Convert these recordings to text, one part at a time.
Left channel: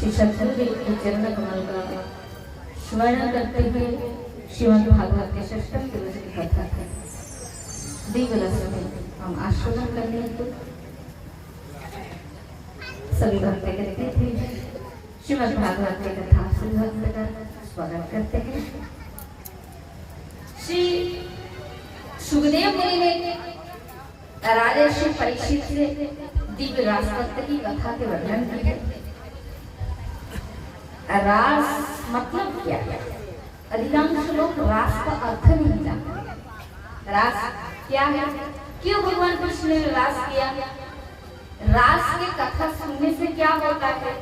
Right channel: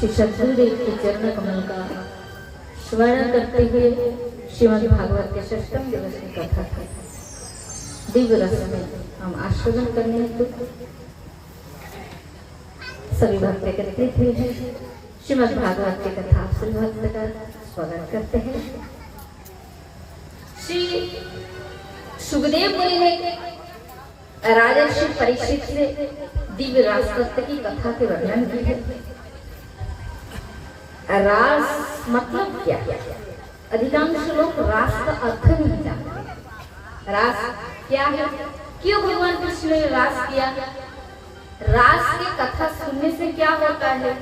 श्री सद्गुरुदेव के चरण कमल का स्मरण करते हुए श्रीमद् भागवत के षष्ठम दिवस की कथा है। दिव्य रस में हम आस्वादन करने हेतु सभी भक्त एकत्रित हुए हैं। श्रीमद् भागवत की कथा श्री भक्त का स्वागत करते हैं। श्री सुखदेव मुनि ने राजर्षि परीक्षित से दिव्य राजतत्व की कथा के वर्णन की है। रास मतलब क्या है? अधिकांश लोग रास का अर्थ नहीं जानते। रास क्या है? क्यों भगवान कृष्ण ने रास किया? रास की कथा सुनने से क्या होता है?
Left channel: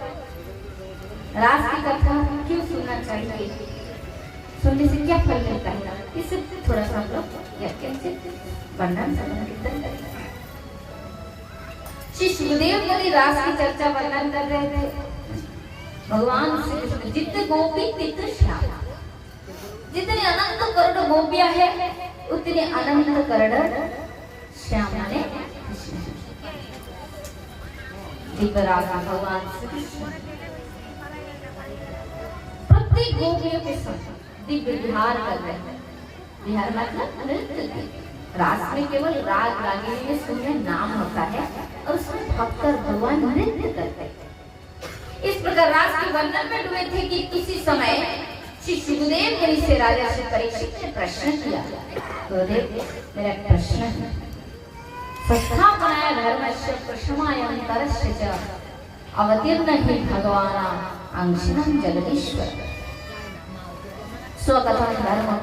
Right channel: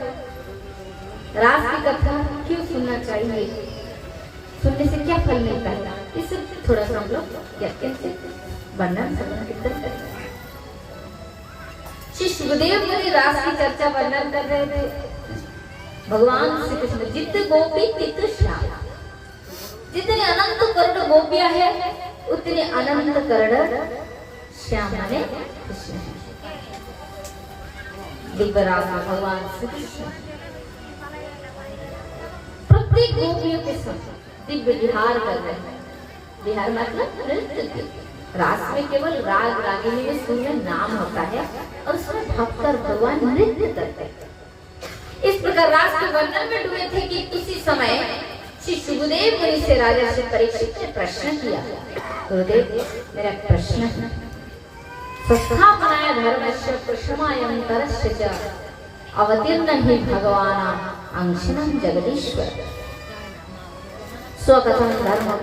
रास की कथा क्यों सुनना चाहिए? सुनने से क्या फल मिलता है? इसे थोड़ा सा हम लोग वर्णन करते हैं। श्री सुखदेव मुनि रास की चर्चा वर्णन कर रहे थे। भगवान श्री कृष्ण जित गोपी तित श्याम, जितने अनंत करोड़ गोपियां है उतने अनंत करोड़ श्याम माने कृष्ण। दिव्य रास भगवान श्री कृष्ण प्रत्येक गोपियों के साथ दिव्य विहार कर रहे हैं। विहार मतलब नृत्य। रास में केवल राग रागिनी में सुर में नाम होता है और उसमें भक्त भगवान नृत्य करते हैं। इस प्रकार रास के वर्णन में डूबे थे कि उसी समय श्री सुखदेव मुनि से राजर्षि परीक्षित ने प्रश्न किया। गुरुदेव, मेरा प्रश्न है, स्वस्थापनाय धर्मस्य प्रशमायं तरस्य च अवतीर्ण हि भगवान् अंशिनं जगदीश्वर स्वकथं धर्मं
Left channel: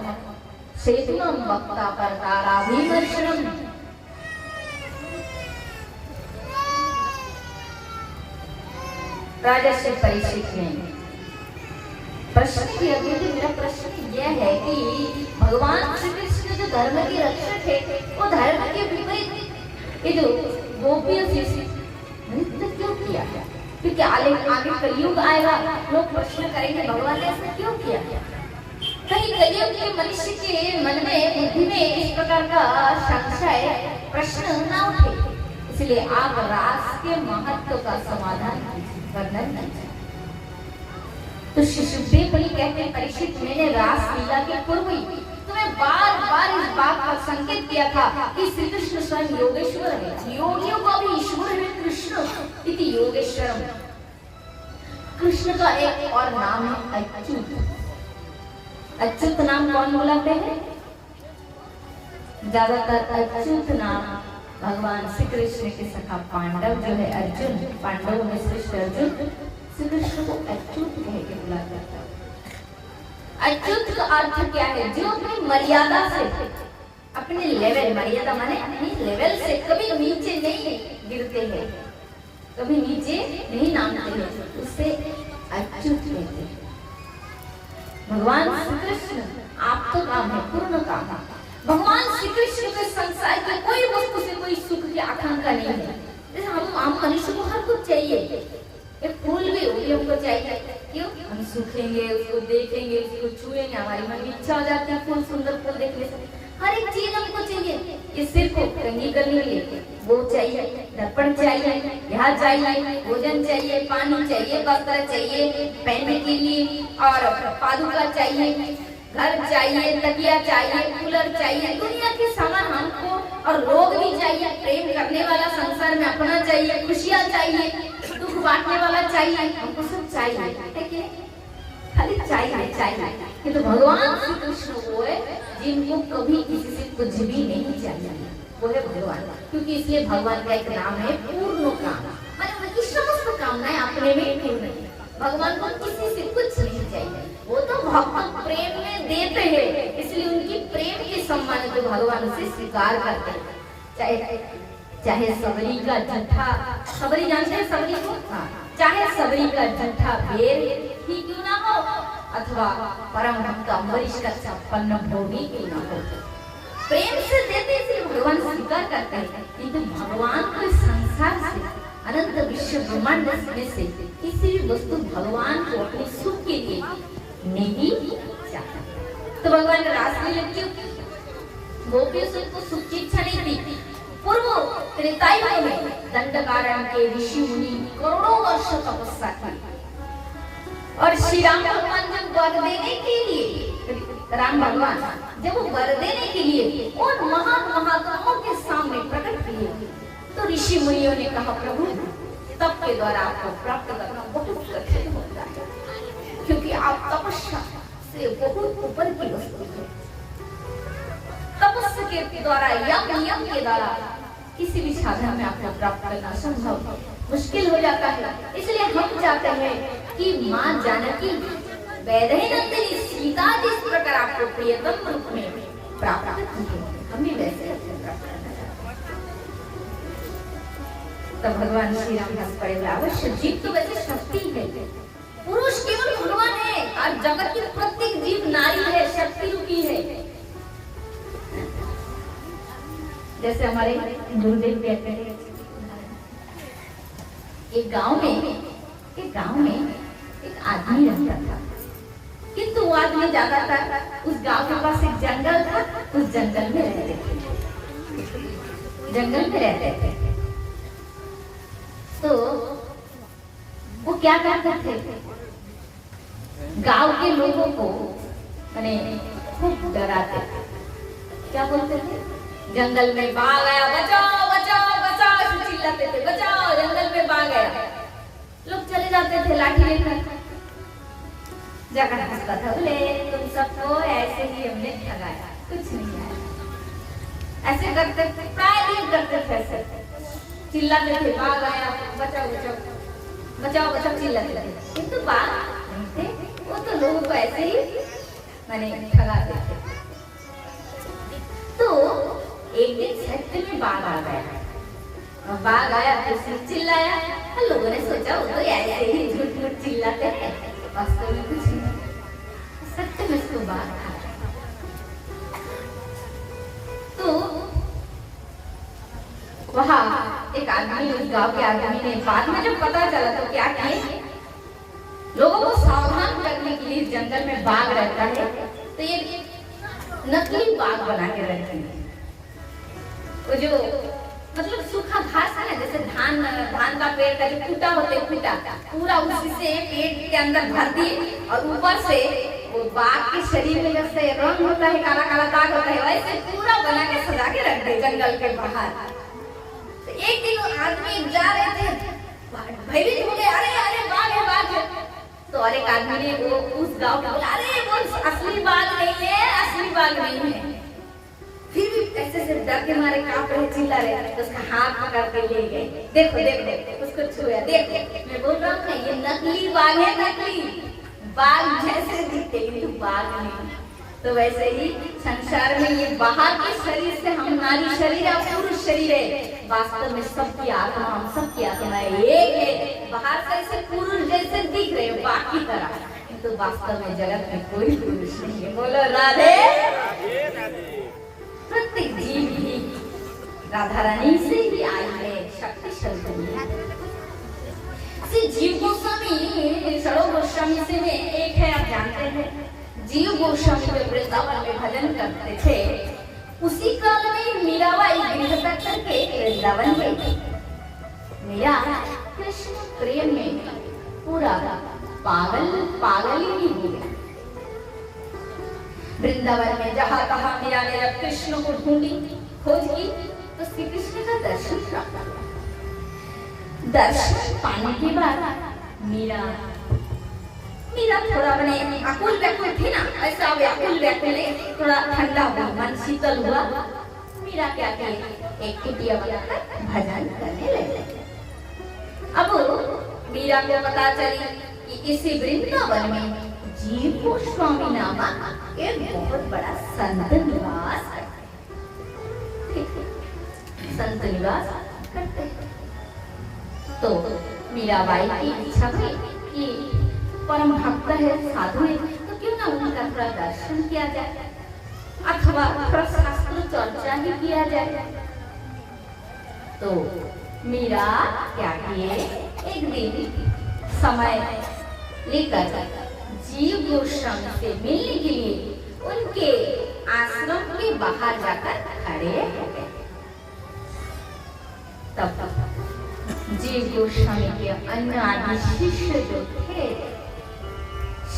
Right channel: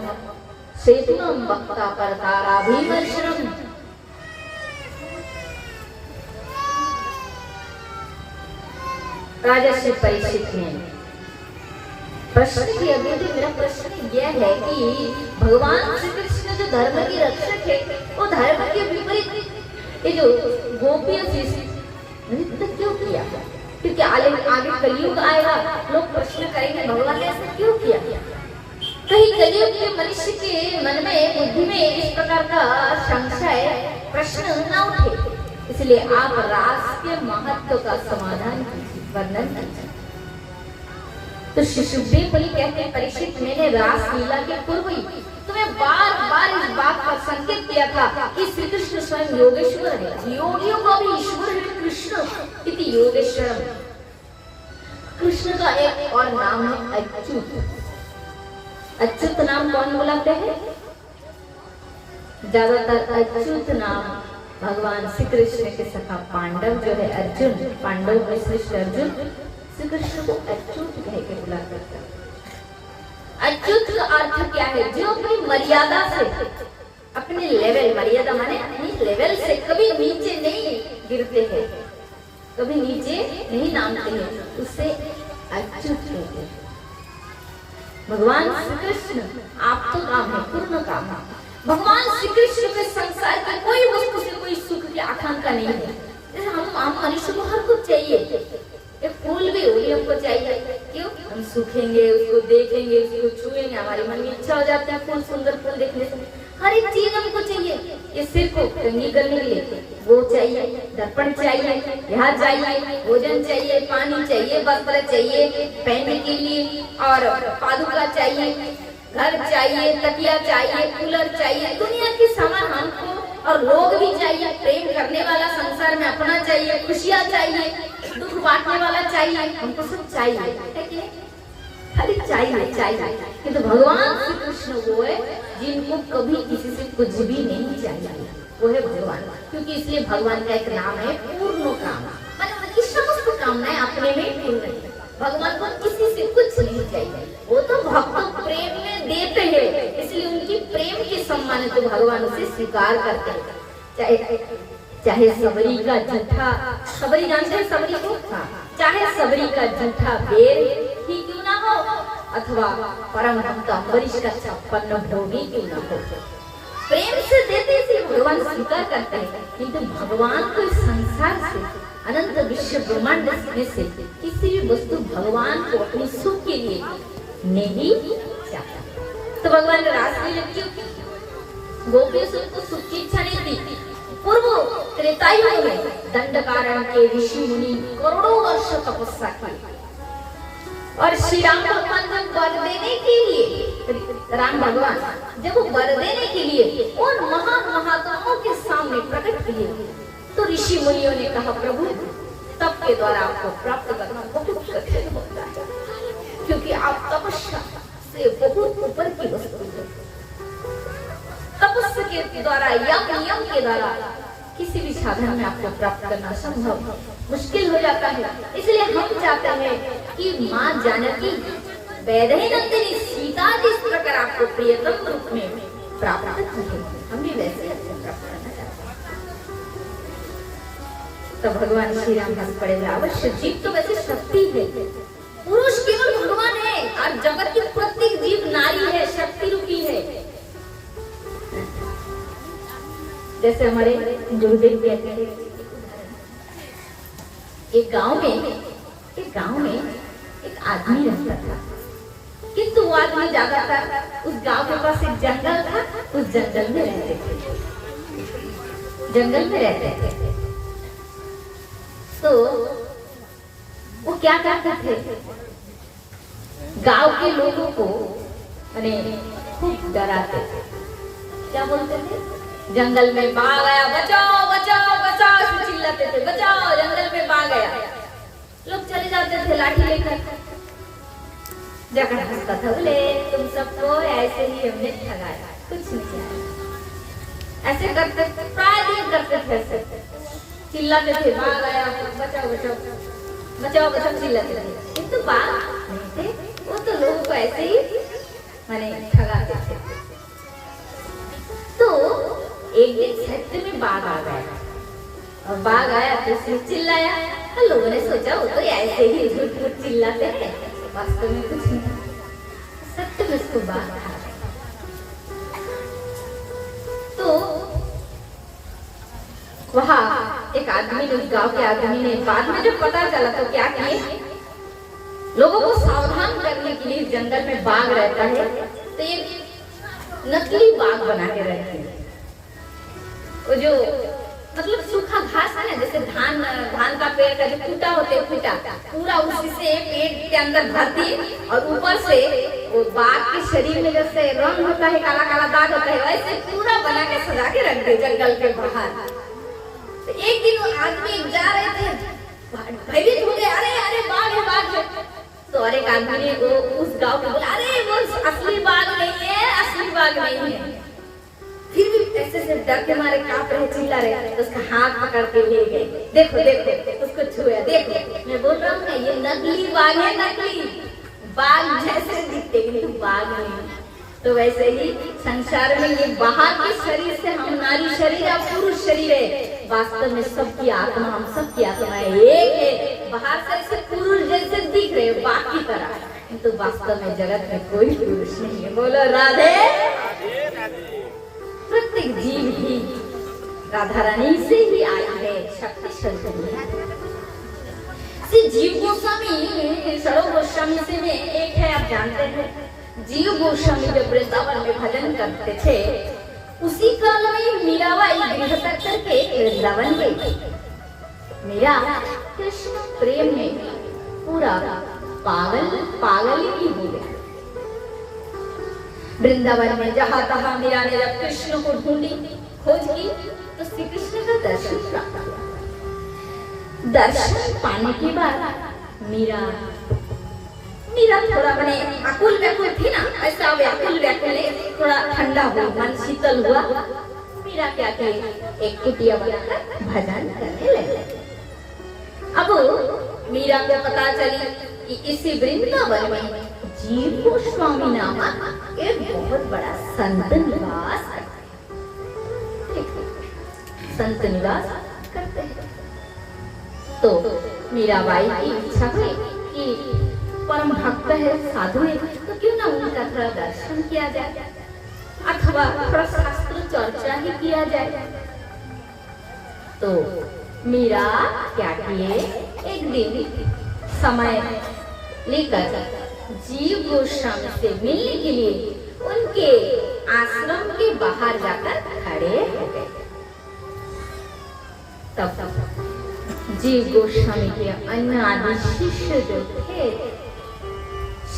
सेतुनं वक्ता परताराभिवर्षणम्। राजर्षि परीक्षित ने प्रश्न किया। मेरा प्रश्न यह है कि भगवान श्री कृष्ण जो धर्म के रक्षक है वो धर्म के विपरीत ये जो गोपियों से नृत्य क्यों किया? क्योंकि आगे कलयुग आएगा, लोग प्रश्न करेंगे भगवान ने ऐसा क्यों किया? कहीं कलयुग के मनुष्य के मन में बुद्धि में इस प्रकार का संशय प्रश्न न उठे, इसलिए आप रास के महत्व का समाधान वर्णन कीजिए। तो श्री सुखदेव मुनि कहते हैं, परीक्षित, मैंने रास लीला के पूर्व ही तुम्हें बार बार इस बात का संकेत किया था कि श्री कृष्ण स्वयं योगेश्वर है। योगियों का भी ईश्वर है कृष्ण इति योगेश्वरम। कृष्ण का एक और नाम है अच्युत। अच्युत नाम कौन बुलाते हैं? ज्यादातर अच्युत नाम भगवान श्री कृष्ण के सखा पांडव जो है अर्जुन, पांडव में श्रेष्ठ अर्जुन श्री कृष्ण को अच्युत कह के बुलाते हैं। अच्युत का अर्थ क्या है? जो अपनी मर्यादा से, अपने लेवल, मर्यादा माने अपनी लेवल से कभी नीचे नहीं गिरते हैं, कभी नीचे नहीं नामते हैं, उससे अच्युत कहते हैं। भगवान श्री कृष्ण आप तो काम है, पूर्ण काम है। भगवान श्री कृष्ण के संसार की कोई वस्तु से कोई सुख की आकांक्षा नहीं है। जैसे हम मनुष्य को हर कुछ चाहिए, एक फूल भी वही हमको चाहिए। क्यों? हम सूखेंगे, उसको देखेंगे, उसको छुएंगे, हमारी मन में इच्छा हो जाती है फूल, सुंदर फूल देखने से। हर एक चीज हमको चाहिए। ये सिर को कंघी करने के लिए वो चाहिए, दर्पण चाहिए, यहाँ चाहिए, भोजन चाहिए, पानी चाहिए, वस्त्र चाहिए पहनने के लिए, और पादुका चाहिए, घर चाहिए, तकिया चाहिए, कूलर चाहिए, दुनिया की सामान हमको, और लोग भी चाहिए। प्रेम करने वाला संसार में अपना चाहिए, खुशियाँ चाहिए, दुख बांटने वाला चाहिए, हमको सब चाहिए, खाली चाहिए। किंतु भगवान श्री कृष्ण वो है जिनको कभी किसी से कुछ भी नहीं चाहिए, वो है भगवान। क्योंकि इसलिए भगवान का एक नाम है पूर्ण काम, मतलब उनकी समस्त कामनाएं अपने में पूर्ण है। भगवान को किसी से कुछ नहीं चाहिए, वो तो भक्त प्रेम में देते हैं, इसलिए उनकी प्रेम के सम्मान तो भगवान उसे स्वीकार करते हैं। चाहे सबरी का जूठा, सबरी जानते हैं सबरी को? हाँ, चाहे सबरी का जूठा बेर ही क्यों ना हो, अथवा परम भक्त अम्बरीश का छप्पन भोगी क्यों ना हो, प्रेम से देते थे भगवान स्वीकार करते हैं। किंतु भगवान को संसार से, अनंत विश्व ब्रह्मांड में से किसी भी वस्तु भगवान को अपने सुख के लिए नहीं चाहता। तो भगवान ने रास लीला क्यों की? गोपियों से उनको सुख की इच्छा नहीं थी। पूर्व त्रेता युग में दंडकारण्य के ऋषि मुनि करोड़ों वर्ष तपस्या की, और श्री राम भगवान जब वर देने के लिए, राम भगवान जब वो वर देने के लिए उन महान महात्माओं के सामने प्रकट किए, तो ऋषि मुनियों ने कहा प्रभु तप के द्वारा आपको प्राप्त करना बहुत कठिन होता है, क्योंकि आप तपस्या से बहुत ऊपर की वस्तु है। तपस्या के द्वारा या नियम के द्वारा किसी भी साधन में आपको प्राप्त करना संभव मुश्किल हो जाता है। इसलिए हम चाहते हैं कि माँ जानकी वैदेहीनंदिनी सीता जिस प्रकार आपको प्रियतम रूप में प्राप्त की है, हम भी वैसे आपको प्राप्त करना चाहते हैं। तब भगवान श्री राम हंस पड़े, अवश्य जीव तो वैसे शक्ति है, पुरुष केवल भगवान है और जगत की प्रत्येक जीव नारी है, शक्ति रूपी है। जैसे हमारे गुरुदेव कहते हैं, एक गांव में एक आदमी रहता था, किंतु वो आदमी जाता था, उस गांव के पास एक जंगल था, उस जंगल में रहते थे। तो वो क्या करते थे, गांव के लोगों को खूब डराते थे। क्या बोलते थे, जंगल में बाघ आया, बचाओ बचाओ बचाओ, ऐसे चिल्लाते थे, बचाओ जंगल में बाघ आया। लोग चले जाते थे लाठी लेकर, जाकर हंसता था, बोले तुम सबको ऐसे ही हमने ठगाया, कुछ नहीं आया। ऐसे करते प्राय दिन करते थे, ऐसे चिल्लाते थे, बाघ आया, बचाओ बचाओ बचाओ बचाओ चिल्लाते थे। ये तो बाघ नहीं थे, वो तो लोगों को ऐसे ही मैंने ठगाते थे। तो एक दिन सत्य में बाघ आ गया, और बाघ आया तो उसने चिल्लाया, और लोगों ने सोचा वो तो ऐसे ही झूठ झूठ चिल्लाते हैं, वास्तव में कुछ नहीं। सत्य में उसको बाघ आ गया। तो वहाँ एक आदमी ने, गांव के आदमी ने, बाद में जब पता चला तो क्या किए, लोगों को सावधान करने के लिए जंगल में बाघ रहता है, तो ये नकली बाघ बना के रखते हैं। वो जो मतलब सूखा घास है ना, जैसे धान का पेड़ का जो फूटा होते हैं, फूटा पूरा उसी से पेड़ के अंदर भर दिए, और ऊपर से वो बाघ के शरीर में जैसे रंग होता है, काला काला दाग होता है, वैसे पूरा बना के सजा के रख दे जंगल के बाहर। तो एक दिन वो आदमी जा रहे थे, भयभीत हो गए, अरे अरे बाघ है बाघ है। तो और एक आदमी ने वो उस गांव को बोला, अरे वो असली बाघ नहीं है, असली बाघ नहीं है। फिर भी ऐसे से डर के मारे कांप रहे, चिल्ला रहे, तो उसका हाथ पकड़ के ले गए, देखो देखो, उसको छुआ, देखो मैं बोल रहा हूँ ना, ये नकली बाघ है, नकली बाघ जैसे दिखते किंतु बाघ नहीं। तो वैसे ही संसार में ये बाहर के शरीर से हम नारी शरीर या पुरुष शरीर है, वास्तव में सबकी आत्मा, हम सबकी आत्मा एक है। बाहर से ऐसे पुरुष जैसे दिख रहे बाघ की तरह, किंतु तो वास्तव में जगत में कोई पुरुष नहीं है। बोलो राधे राधे। प्रत्येक जीव ही राधा रानी से ही आई है, शक्तिशाली। जीव गोस्वामी सरो गोस्वामी से में एक है, आप जानते हैं। जीव गोस्वामी जब वृंदावन में भजन करते थे, उसी काल में मीराबाई गृह तक करके वृंदावन गई। मीरा कृष्ण प्रेम में पूरा पागल ही हो गई। वृंदावन में जहाँ तहाँ मीरा ने जब कृष्ण को ढूंढी, खोज की, तो श्री कृष्ण का दर्शन प्राप्त हुआ। दर्शन पाने के बाद मीरा थोड़ा बने आकुल व्याकुल थी ना, ऐसा व्याकुल थोड़ा ठंडा हुआ, मन शीतल हुआ। मीरा क्या की, एक कुटिया बनाकर भजन करने लगे। अब मीरा को पता चली कि इसी वृंदावन में जीव गोस्वामी नामक एक बहुत बड़ा संत निवास करते हैं। तो मीराबाई की इच्छा हुई कि परम भक्त है, साधु है, तो क्यों ना उनका थोड़ा दर्शन किया जाए, अथवा थोड़ा शास्त्र चर्चा ही किया जाए। तो मीरा क्या किए, एक दिन समय लेकर जीव गोस्वामी से मिलने के लिए उनके आश्रम के बाहर जाकर खड़े हो गए। तब जीव गोस्वामी के अन्य शिष्य जो थे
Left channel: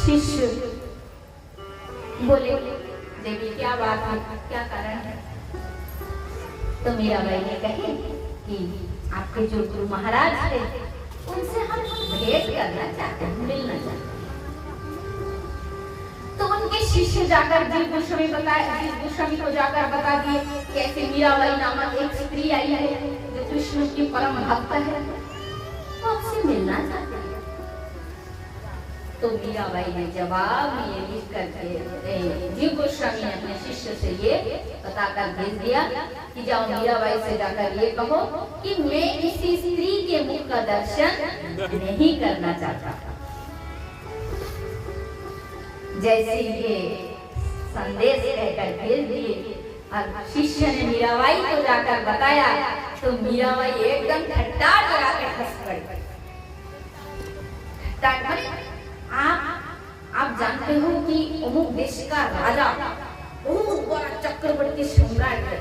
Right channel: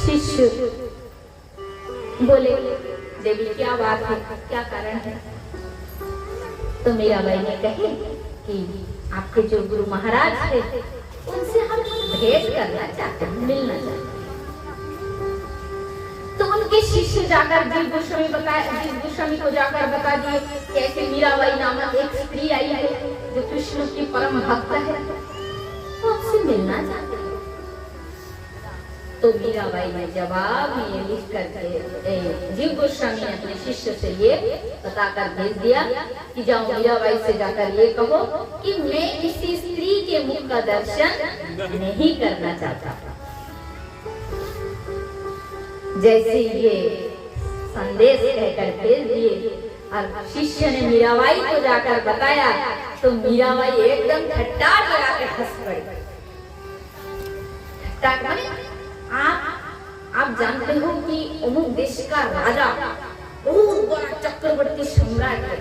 शिष्य बोले, देवी क्या बात है, क्या कारण है? तो मीराबाई ने कहे कि आपके जो गुरु महाराज थे उनसे हम भेंट करना चाहते हैं, मिलना चाहते हैं। तो उनके शिष्य जाकर जीव गोस्वामी को जाकर बता दिए कि ऐसे मीराबाई नामक एक स्त्री आई है जो कृष्ण की परम भक्त है, तो आपसे मिलना चाहते हैं। तो मीराबाई ने जवाब ये लिख करके जीव गोस्वामी ने अपने शिष्य से ये बताकर भेज दिया कि जाओ मीराबाई से जाकर ये कहो कि मैं किसी स्त्री के मुख का दर्शन नहीं करना चाहता। जैसे ये संदेश कहकर भेज दिए और शिष्य ने मीराबाई को जाकर बताया तो मीराबाई एकदम ठट्ठाट लगा कर हंस पड़ी। आप जानते हो कि अमुक देश का राजा बहुत बड़ा चक्रवर्ती सम्राट है,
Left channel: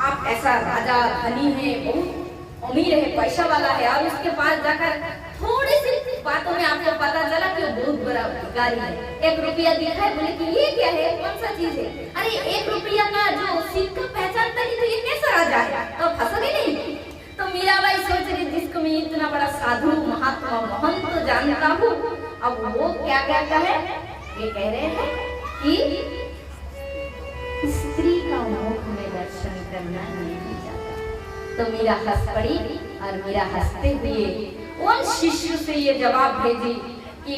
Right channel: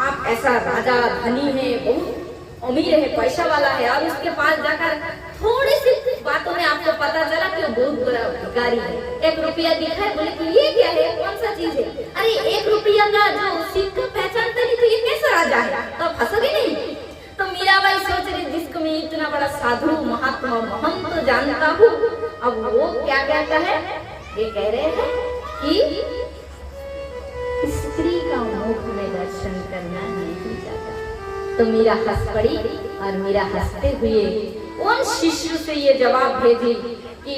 आप ऐसा राजा धनी है, बहुत अमीर है, पैसा वाला है, और उसके पास जाकर थोड़ी सी बातों में आपको पता चला कि वो बहुत बड़ा भिखारी है। 1 रुपया दिखाए, बोले कि ये क्या है, कौन सा चीज है? अरे 1 रुपया का जो सिक्का पहचानता नहीं तो ये कैसा राजा है? तो फंसोगे नहीं। तो मीराबाई सोच रही जिसको मैं इतना बड़ा साधु महात्मा महंत तो जानता हूँ, अब वो क्या कहता है? ये कह रहे हैं कि स्त्री का मुख में दर्शन करना नहीं चाहता। तो मीरा हंस पड़ी और मीरा हंसते हुए उन शिष्य से ये जवाब भेजी कि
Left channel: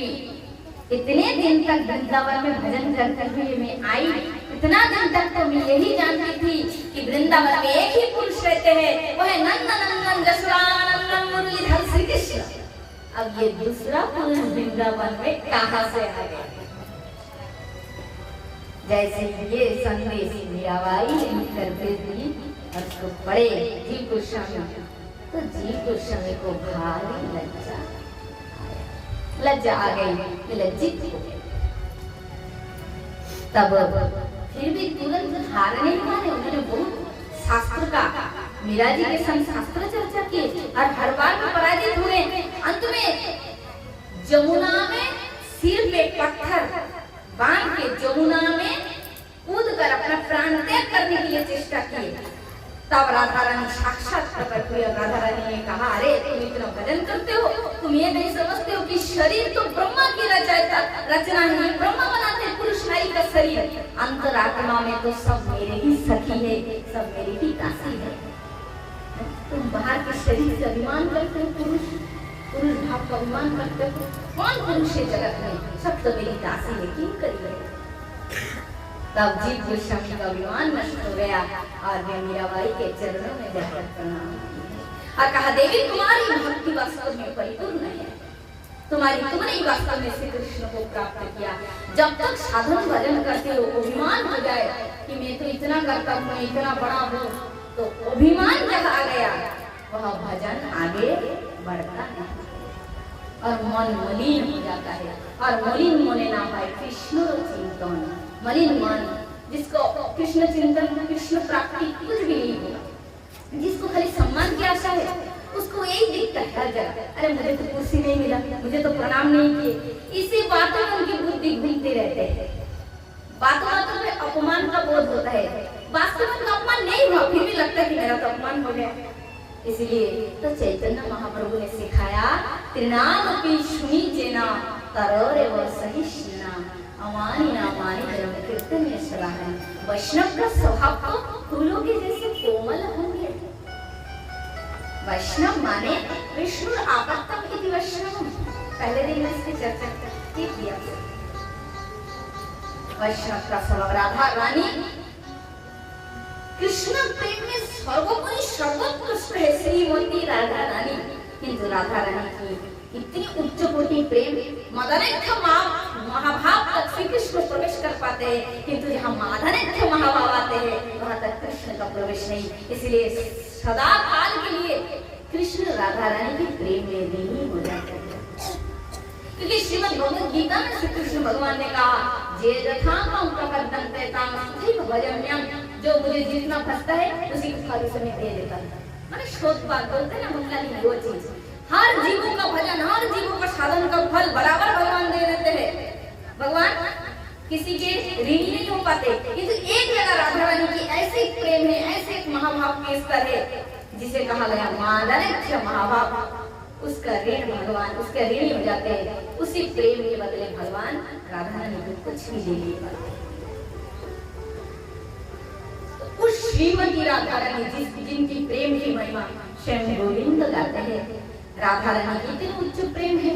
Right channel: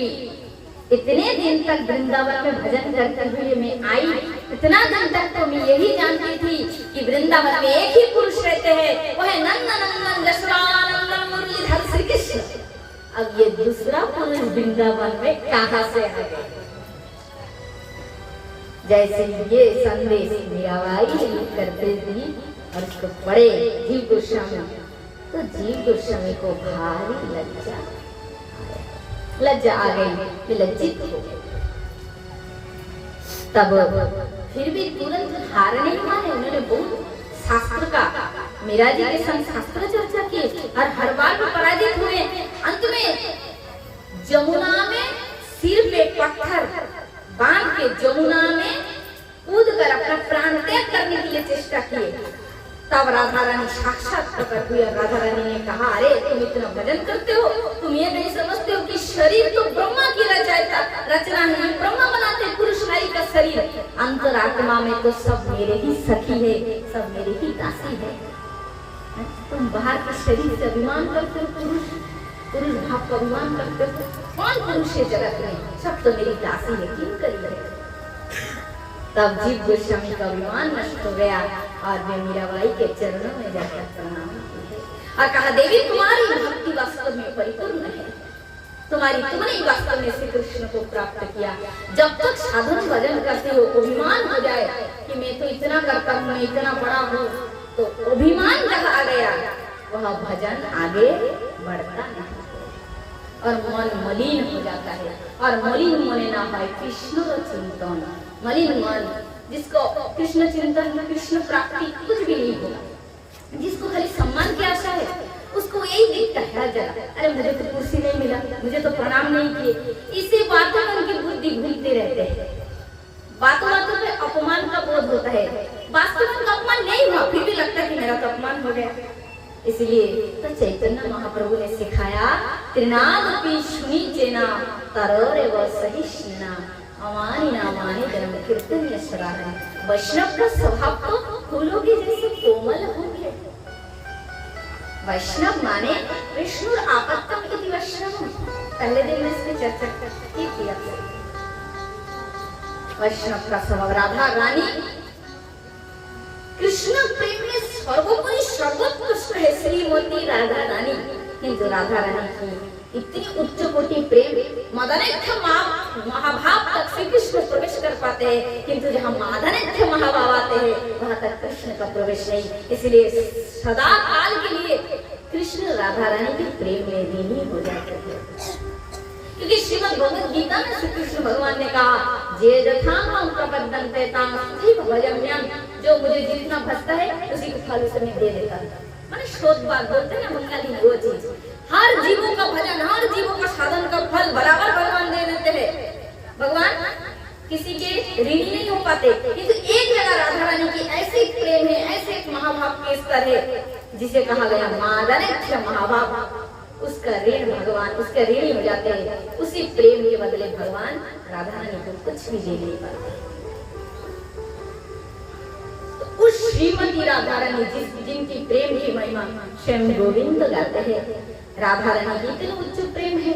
इतने दिन तक वृंदावन में भजन करते हुए मैं आई, इतना दिन तक तो मैं यही जानती थी कि वृंदावन में एक ही पुरुष रहते हैं, वो है नंदन जसोदानंदन मुरलीधर श्री कृष्ण। अब ये दूसरा पुरुष वृंदावन में कहां से आ गया? जैसे ये संदेश मीराबाई ने लिखकर भेज दी और उसको पढ़े जीव गोस्वामी, तो जीव गोस्वामी को भारी लज्जा आ गई, लज्जित हो गए। तब फिर भी तुरंत हार नहीं माने, उन्होंने बहुत शास्त्र का मीरा जी के संग शास्त्र चर्चा की और हर बार में पराजित हुए। अंत में जमुना में सिर पे पत्थर बांध के जमुना में कूद कर अपना प्राण त्याग करने के लिए चेष्टा की। तब राधा रानी साक्षात प्रकट हुई। राधा रानी ने कहा, अरे तुम इतना भजन करते हो, तुम ये नहीं समझते हो कि शरीर तो ब्रह्मा की रचना है, ये ब्रह्मा बनाते पुरुष नारी का शरीर, अंतरात्मा में तो सब मेरे ही सखी है, सब मेरी ही दासी है। तुम बाहर के शरीर से अभिमान करते हो, पुरुष भाव का अभिमान करते हो। कौन पुरुष है जगत में? सब तो मेरी दासी है, क्यों करिए? तब जीव गोस्वामी का अभिमान नष्ट हो गया और वे मीराबाई के चरणों में जाकर प्रणाम किए और कहा, देवी तुम्हारी भक्ति वास्तव में परिपूर्ण है, तुमने वास्तव में श्री कृष्ण को प्राप्त किया। जब तक साधन भजन करते हो अभिमान हो जाए कि मैं तो इतना करता हूँ, मैं इतना बड़ा हूँ, तो अभिमान जहाँ आ गया वह भजन आगे बढ़ता नहीं और मन मलिन हो जाता है। और मलिन मने ना पाए कृष्ण चिंतन, मलिन मन जिसको कृष्ण चिंतन कृष्ण प्राप्ति कुछ भी नहीं होगा, जिसको खाली सम्मान की आशा है, उसको यही दिखता है जरा, अरे मुझे तो कुर्सी नहीं मिला, मुझे तो प्रणाम नहीं किए, इसी बातों में उनकी बुद्धि घूमते रहते हैं। बातों बातों में अपमान का बोध होता है, वास्तव में अपमान नहीं हुआ, फिर भी लगता है कि मेरा तो अपमान हो गया। इसलिए तो चैतन्य महाप्रभु ने सिखाया, त्रिनादपि शुनि चेना तरोरेव सहिष्णुना अमानि नामानि धर्म कीर्तन यशराहन। वैष्णव का स्वभाव तो फूलों के जैसे कोमल होंगे। वैष्णव माने विष्णु आपत्तम इति वैष्णव। पहले दिन में इसकी चर्चा की थी आपसे। वैष्णव का स्वभाव, राधा रानी कृष्ण प्रेम में सर्वोपरि सर्वोत्कृष्ट है श्रीमती राधा रानी। किंतु राधा रानी की इतनी उच्च कोटि प्रेम मदनेख्य महाभाव तक श्री कृष्ण प्रवेश कर पाते हैं, किंतु जहाँ माधनेख्य महाभाव आते हैं वहां तक कृष्ण का प्रवेश नहीं। इसलिए सदा काल के लिए कृष्ण राधा रानी के प्रेम में लीन हो जाते हैं। क्योंकि श्रीमद् भगवद गीता में श्री कृष्ण भगवान ने कहा, जे यथांगं प्रपद्यन्ते तां तथैव भजम्यहम्, जो मुझे जितना भजता है उसी को फल से मैं दे देता हूँ। माने शोध बात बोलते हैं ना, बंगाली वो चीज, हर जीवों का भजन, हर जीवों का साधन का फल बराबर भगवान दे देते हैं। भगवान किसी के ऋणी नहीं हो पाते, किंतु एक जगह राधा रानी की ऐसे प्रेम है, ऐसे एक महाभाव के स्तर है जिसे कहा गया मादरक्ष महाभाव, उसका ऋण भगवान उसके ऋणी हो जाते हैं। उसी प्रेम के बदले भगवान राधा रानी को कुछ भी दे नहीं पाते। तो उस श्रीमती राधा रानी जिनकी प्रेम की महिमा स्वयं गोविंद गाते हैं, राधा रानी की इतनी उच्च प्रेम है।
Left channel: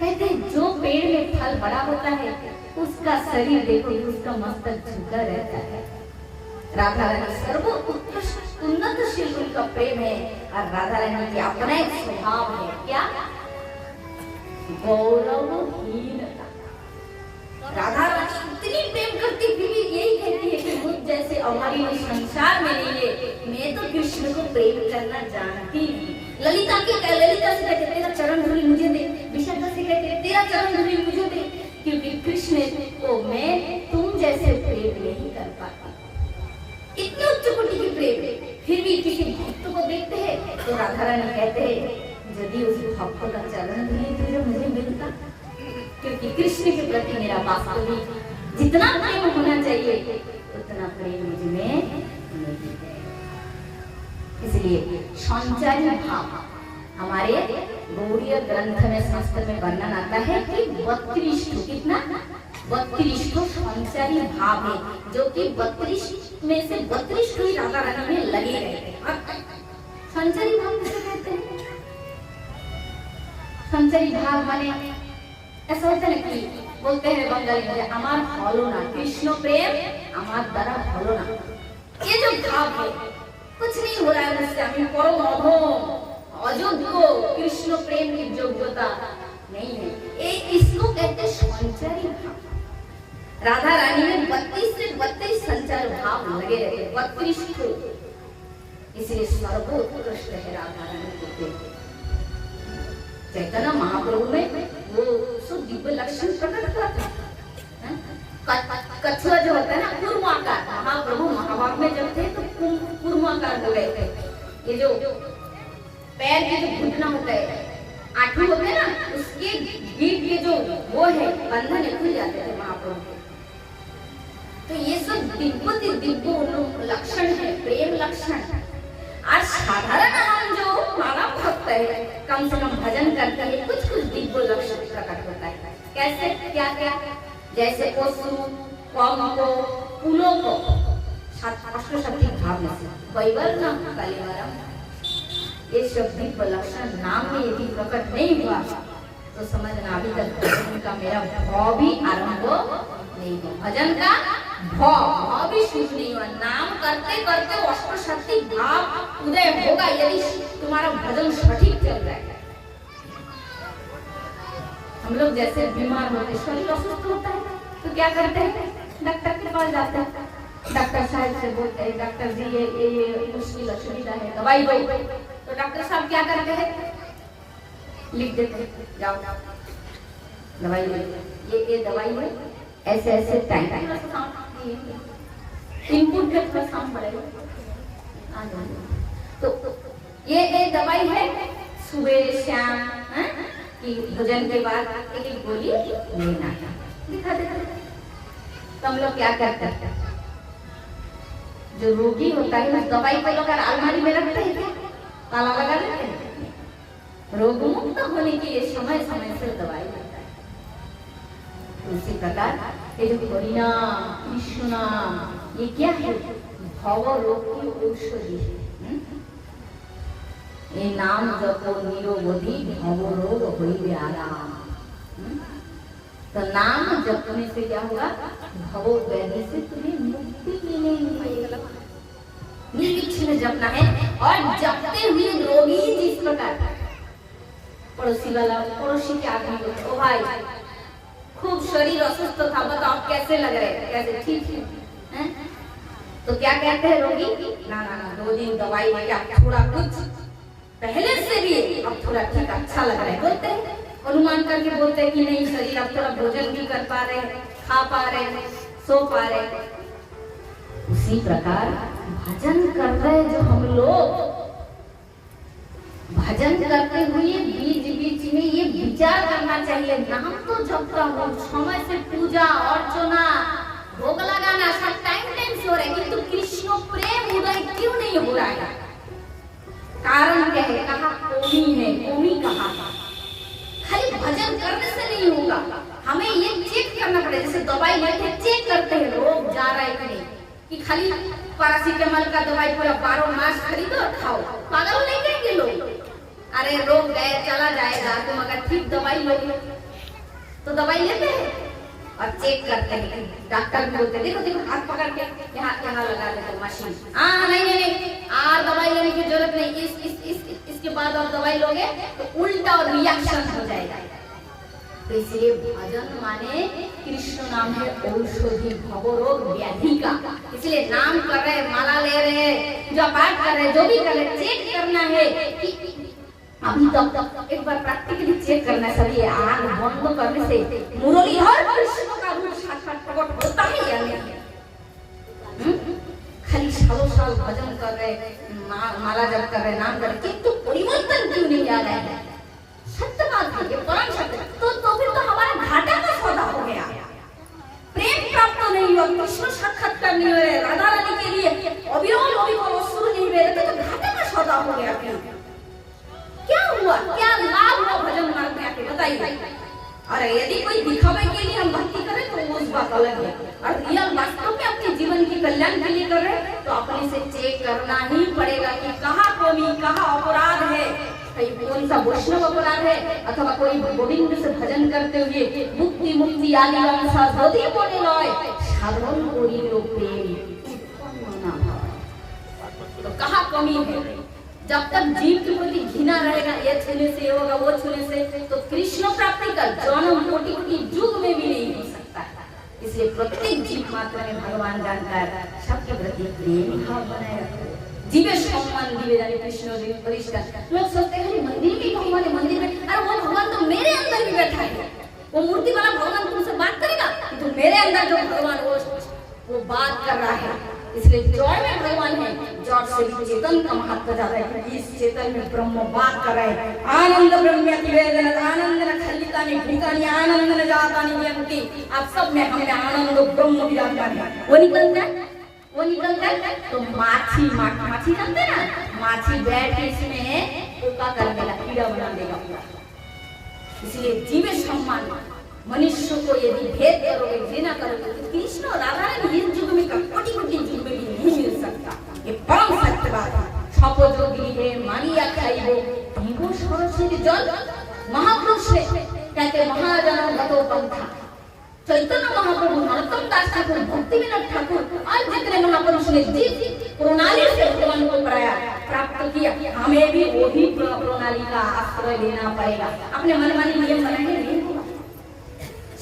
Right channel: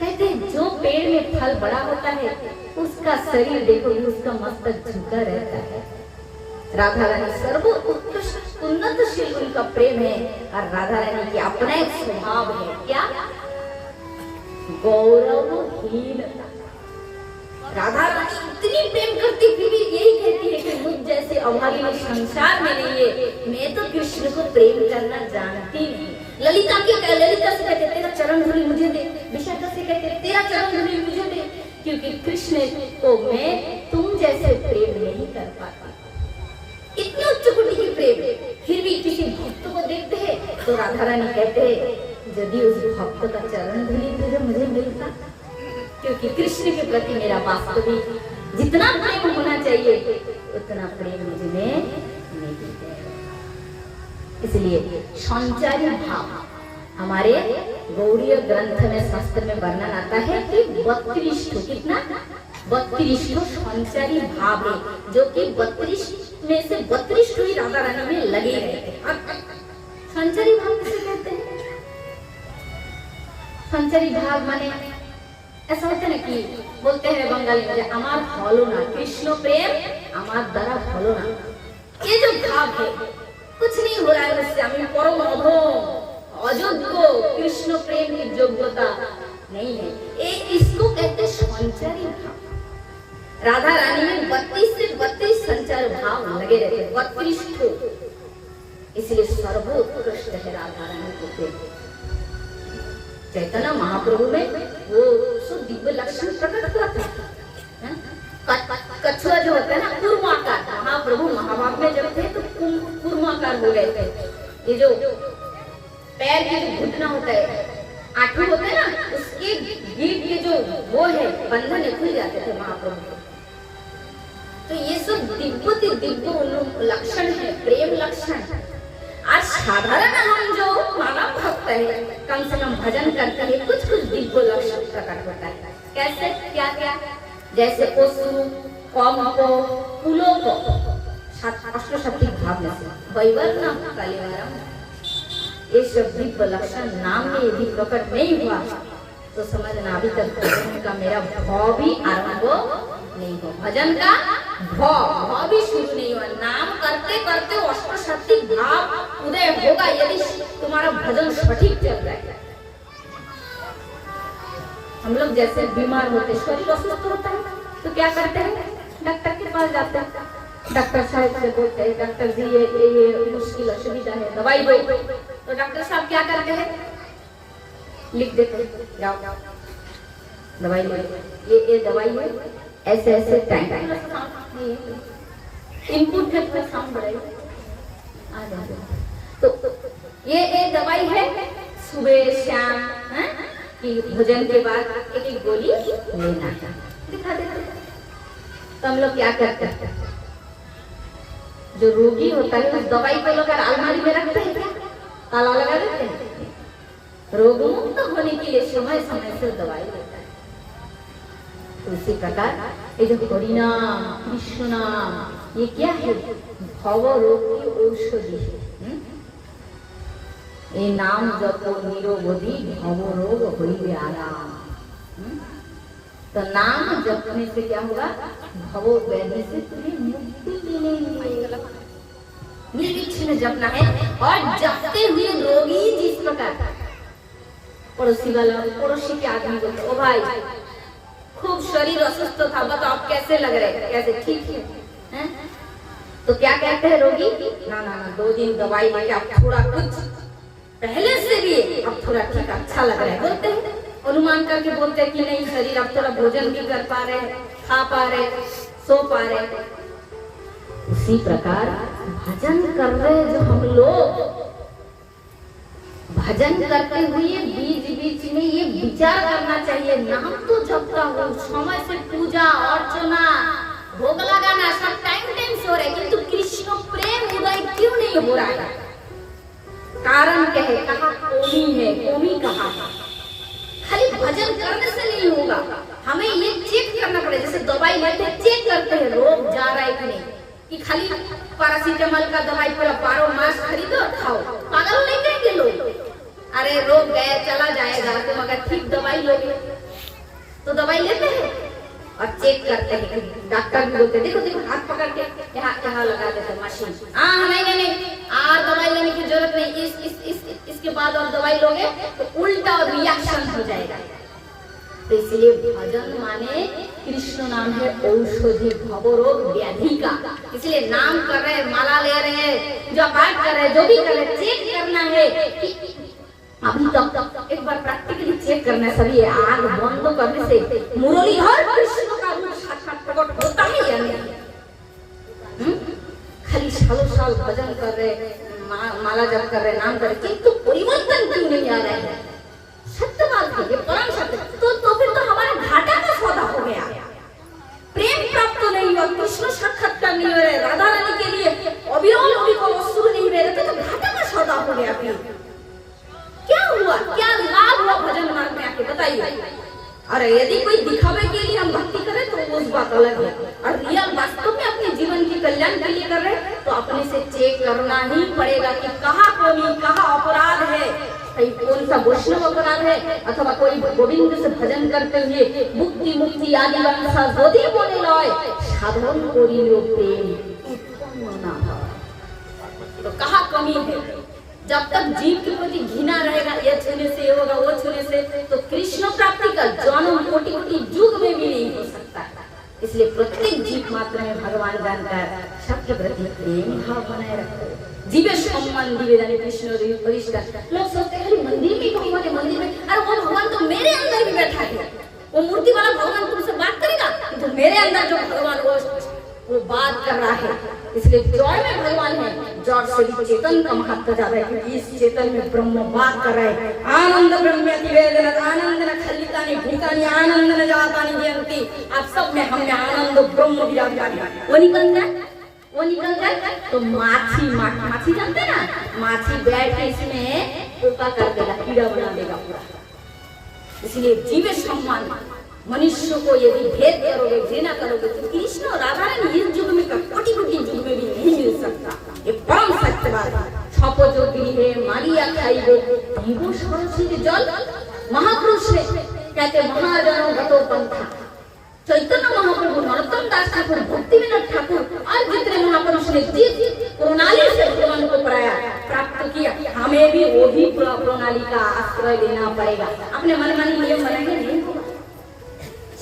कहते हैं जो पेड़ में फल बड़ा होता है उसका शरीर देखो, उसका मस्तक झुका रहता है। राधा रानी सर्वोत्कृष्ट उन्नतशील उनका प्रेम है, और राधा रानी की अपना एक स्वभाव है, क्या? गौरवहीनता। राधा रानी इतनी प्रेम करती फिर भी यही कहती है कि मुझ जैसे अभागी लोग संसार में नहीं है, मैं तो कृष्ण को प्रेम करना जानती नहीं। ललिता से कहते तेरा चरण धूलि मुझे दे, विशाखा से कहते तेरा चरण धूलि मुझे दे, क्योंकि कृष्ण को मैं तुम जैसे प्रेम नहीं कर पाती। इतने उच्च कोटि की प्रेम, फिर भी किसी भक्त को देखते हैं तो राधा रानी कहते हैं यदि उस भक्त का चरण धूलि तुझे मुझे मिलता, क्योंकि कृष्ण के प्रति मेरा वास्तविक जितना प्रेम होना चाहिए उतना प्रेम मुझ में नहीं है। इसलिए संचारी भाव हमारे गौड़ीय ग्रंथ में संस्कृत में वर्णन आता है कि 32 कितना 32 संचारी भाव है, जो कि 32 में से 32 ही राधा रानी में लगे रहते हैं। संचारी भाव किसे कहते हैं? संचारी भाव माने ऐसा होता है ना कि बोलते हैं बंगाली में अमार भलो ना, कृष्ण प्रेम अमार द्वारा भलो ना। ये जो भाव है, कुछ नहीं हो रहा है मुझसे, अभी परम अयोग्य कृष्ण प्रेम की योग्यता नहीं है, इसको कहते संचारी भाव। राधा रानी में 32 से 32 संचार भाव लगे रहते, 32 को, इसलिए सर्वोत्कृष्ट है राधा रानी को प्रेम। चैतन्य महाप्रभु में वो दिव्य लक्षण प्रकट हुआ था। कछुआ जो होता है ना कूर्माकार, महाप्रभु महाभाव में जब थे तो कूर्माकार हो गए थे। ये जो पैर के जो घुटना होता है, आंखों होते हैं ना, उसके गीट के जो वो है बंधन खुल जाते थे महाप्रभु के। तो ये सब दिव्य लक्षण है, प्रेम लक्षण। आज साधारण हम जो मानव भक्त है, कम से कम भजन करते हैं, कुछ दिव्य लक्षण प्रकट होता है। कैसे? क्या क्या? जैसे पशु को फूलों को अष्टशक्ति भाव में से वैवर्णम कलिवारम, ये सब दिव्य लक्षण नाम में यदि प्रकट नहीं हुआ तो समझना अभी तक भजन का मेरा भाव भी आरंभ नहीं हुआ, भजन का भाव भी शुरू नहीं हुआ। नाम करते करते अष्टशक्ति भाव उदय होगा यदि तुम्हारा भजन सटीक चल रहा है। हम लोग जैसे बीमार होते, शरीर अस्वस्थ होता है तो क्या करते हैं? डॉक्टर के पास जाते हैं, डॉक्टर साहब से बोलते हैं डॉक्टर जी ये मुश्किल असुविधा है, दवाई दो। तो डॉक्टर साहब क्या करते हैं? लिख देते हैं, जाओ दवाई ले, ये दवाई है, ऐसे ऐसे टाइम इनपुट में थोड़ा साउंड बढ़ेगा। तो ये दवाई है, सुबह शाम कि भोजन के बाद एक गोली लेना है, दिखा देते। तो हम लोग क्या करते हैं? जो रोगी होता है उस दवाई को लेकर अलमारी में रखते हैं, ताला लगा देते हैं। रोग मुक्त होने के लिए समय समय से दवाई लेता है। तो इसी प्रकार ये जो हरिनाम कृष्ण नाम, ये क्या है? भव रोग की औषधि है। ये नाम जपो निरोगी भव रोग होइबे आराम। तो नाम जपने से क्या होगा? भवो व्याधि से तुम्हें मुक्ति मिलेगी। निर्विघ्न जपना है, और जपते हुए रोगी जिस प्रकार पड़ोसी के आदमी बोलते, ओ भाई खूब शरीर अस्वस्थ था, बताओ आप कैसे लग रहे? कैसे? ठीक है? तो क्या कहते हैं रोगी? ना 2 दिन दवाई लेके आप थोड़ा कुछ पहले से भी अब थोड़ा ठीक अच्छा लग रहा है, बोलते हैं, अनुमान करके बोलते हैं कि नहीं शरीर अब थोड़ा भोजन भी कर पा रहे, खा पा रहे, सो पा रहे। उसी प्रकार भजन कर रहे जो हम लोग, भजन करते हुए बीच बीच इसमें ये विचार करना चाहिए, नाम तो जपता हूँ, समय से पूजा अर्चना भोग लगाना सब टाइम से हो रहा है, किंतु कृष्ण प्रेम उदय क्यों नहीं हो रहा है? कारण क्या है? कहा कमी है, कमी कहा? खाली भजन करने से नहीं होगा, हमें ये चेक करना पड़ेगा। जैसे दवाई लेते चेक करते हैं रोग जा रहा है कि नहीं, कि खाली पैरासीटामोल का दवाई पूरा 12 मास खरीदो और खाओ, पागल नहीं कहेंगे लोग। अरे रोग गए चला जाएगा, तुम अगर ठीक दवाई लोगे तो दवाई लेते हैं और चेक करते हैं। डॉक्टर भी बोलते देखो देखो हाथ पकड़ के यहाँ लगा देते मशीन। हाँ नहीं आज दवाई लेने की जरूरत नहीं, इसके बाद और दवाई लोगे तो उल्टा और रिएक्शन हो जाएगा। तो इसलिए भजन माने कृष्ण नाम है औषधि भवरोग व्याधि का। इसलिए नाम कर रहे, माला ले रहे, जो पाठ कर रहे, जो भी कर रहे, चेक करना है कि अभी तक एक बार प्रैक्टिकली चेक करना है। सभी आग बंद करने से मुरली हर कृष्ण का रूप साक्षात प्रकट होता है या नहीं? खाली साल भजन कर रहे, माला जप कर रहे, नाम कर रहे, किंतु परिवर्तन क्यों नहीं आ रहा है? सत्य बात है, ये परम सत्य। तो फिर तो हमारा घाटा का सौदा हो गया, प्रेम प्राप्त नहीं हुआ, कृष्ण साक्षात्कार नहीं हो रहे, राधा रानी के लिए अभियोग वस्तु नहीं रहे, तो घाटा का सौदा हो गया। फिर क्या हुआ, क्या लाभ हुआ भजन मार्ग में आके बताइए? अरे यदि कोई दिखावे के लिए हम भक्ति करें तो उस बात अलग है, और रियल वास्तव में अपने जीवन के कल्याण के लिए कर रहे तो अपने से चेक करना ही पड़ेगा कि कहाँ कमी, कहाँ अपराध है। कौन सा वैष्णव अपराध है, अथवा कोई गोविंद से भजन करते हुए मुक्ति मुक्ति आदि वंशा यदि बोले लय साधन करियो प्रेम उत्पन्न ना भय। तो कहाँ कमी है? जब तक जीव के प्रति घृणा रहेगा, ये छूने से ये होगा, वो छूने से, तो कृष्ण प्राप्ति का जन्म कोटि युग में भी नहीं हो सकता। इसलिए प्रत्येक जीव मात्र में भगवान जानकर सबके प्रति प्रेम भाव बनाए रखते। जीवे सम्मान दिवे जाने कृष्ण परिष्कार। लोग सोचते हैं मंदिर में भगवान है, मंदिर में, अरे वो भगवान तो मेरे अंदर भी बैठा है। वो मूर्ति वाला भगवान तुमसे बात करेगा, तो मेरे अंदर जो भगवान वो बात कर रहा है। इसलिए जड़ में भगवान है, जड़ से भी चेतन का महत्व ज्यादा है, क्योंकि इस चेतन में ब्रह्म बात कर रहे हैं। आनंद ब्रह्म्यति वेदना आनंद न खलितानि भूतानि आनंद न जातानि जयन्ति। आप सब में हमें आनंद ब्रह्म विराजमान है। वो निकल जाए तो माछी जानते ना, माछी बैठ के इसमें पोका कर देगा, कीड़ा बना देगा पूरा। इसलिए जीवे सम्मान, मनुष्य को यदि भेद करोगे, घृणा करोगे, तो कृष्ण और राधा रानी इस युग में कोटि युग में भी नहीं मिल सकता। ये परम सत्य बात है। छपो जो गिरी है मानिया खाइबे पीबो सरस्वती जल। महापुरुष है कहते महाजन गतो पंथा। चैतन्य महाप्रभु, नरोत्तम दास ठाकुर, भक्ति विनोद ठाकुर और जितने महापुरुष ने जिस प्रणाली से भगवान को प्राप्त किया, हमें भी वही प्रणाली का आश्रय लेना पड़ेगा। अपने मनमानी नियम बनाएंगे नहीं होगा।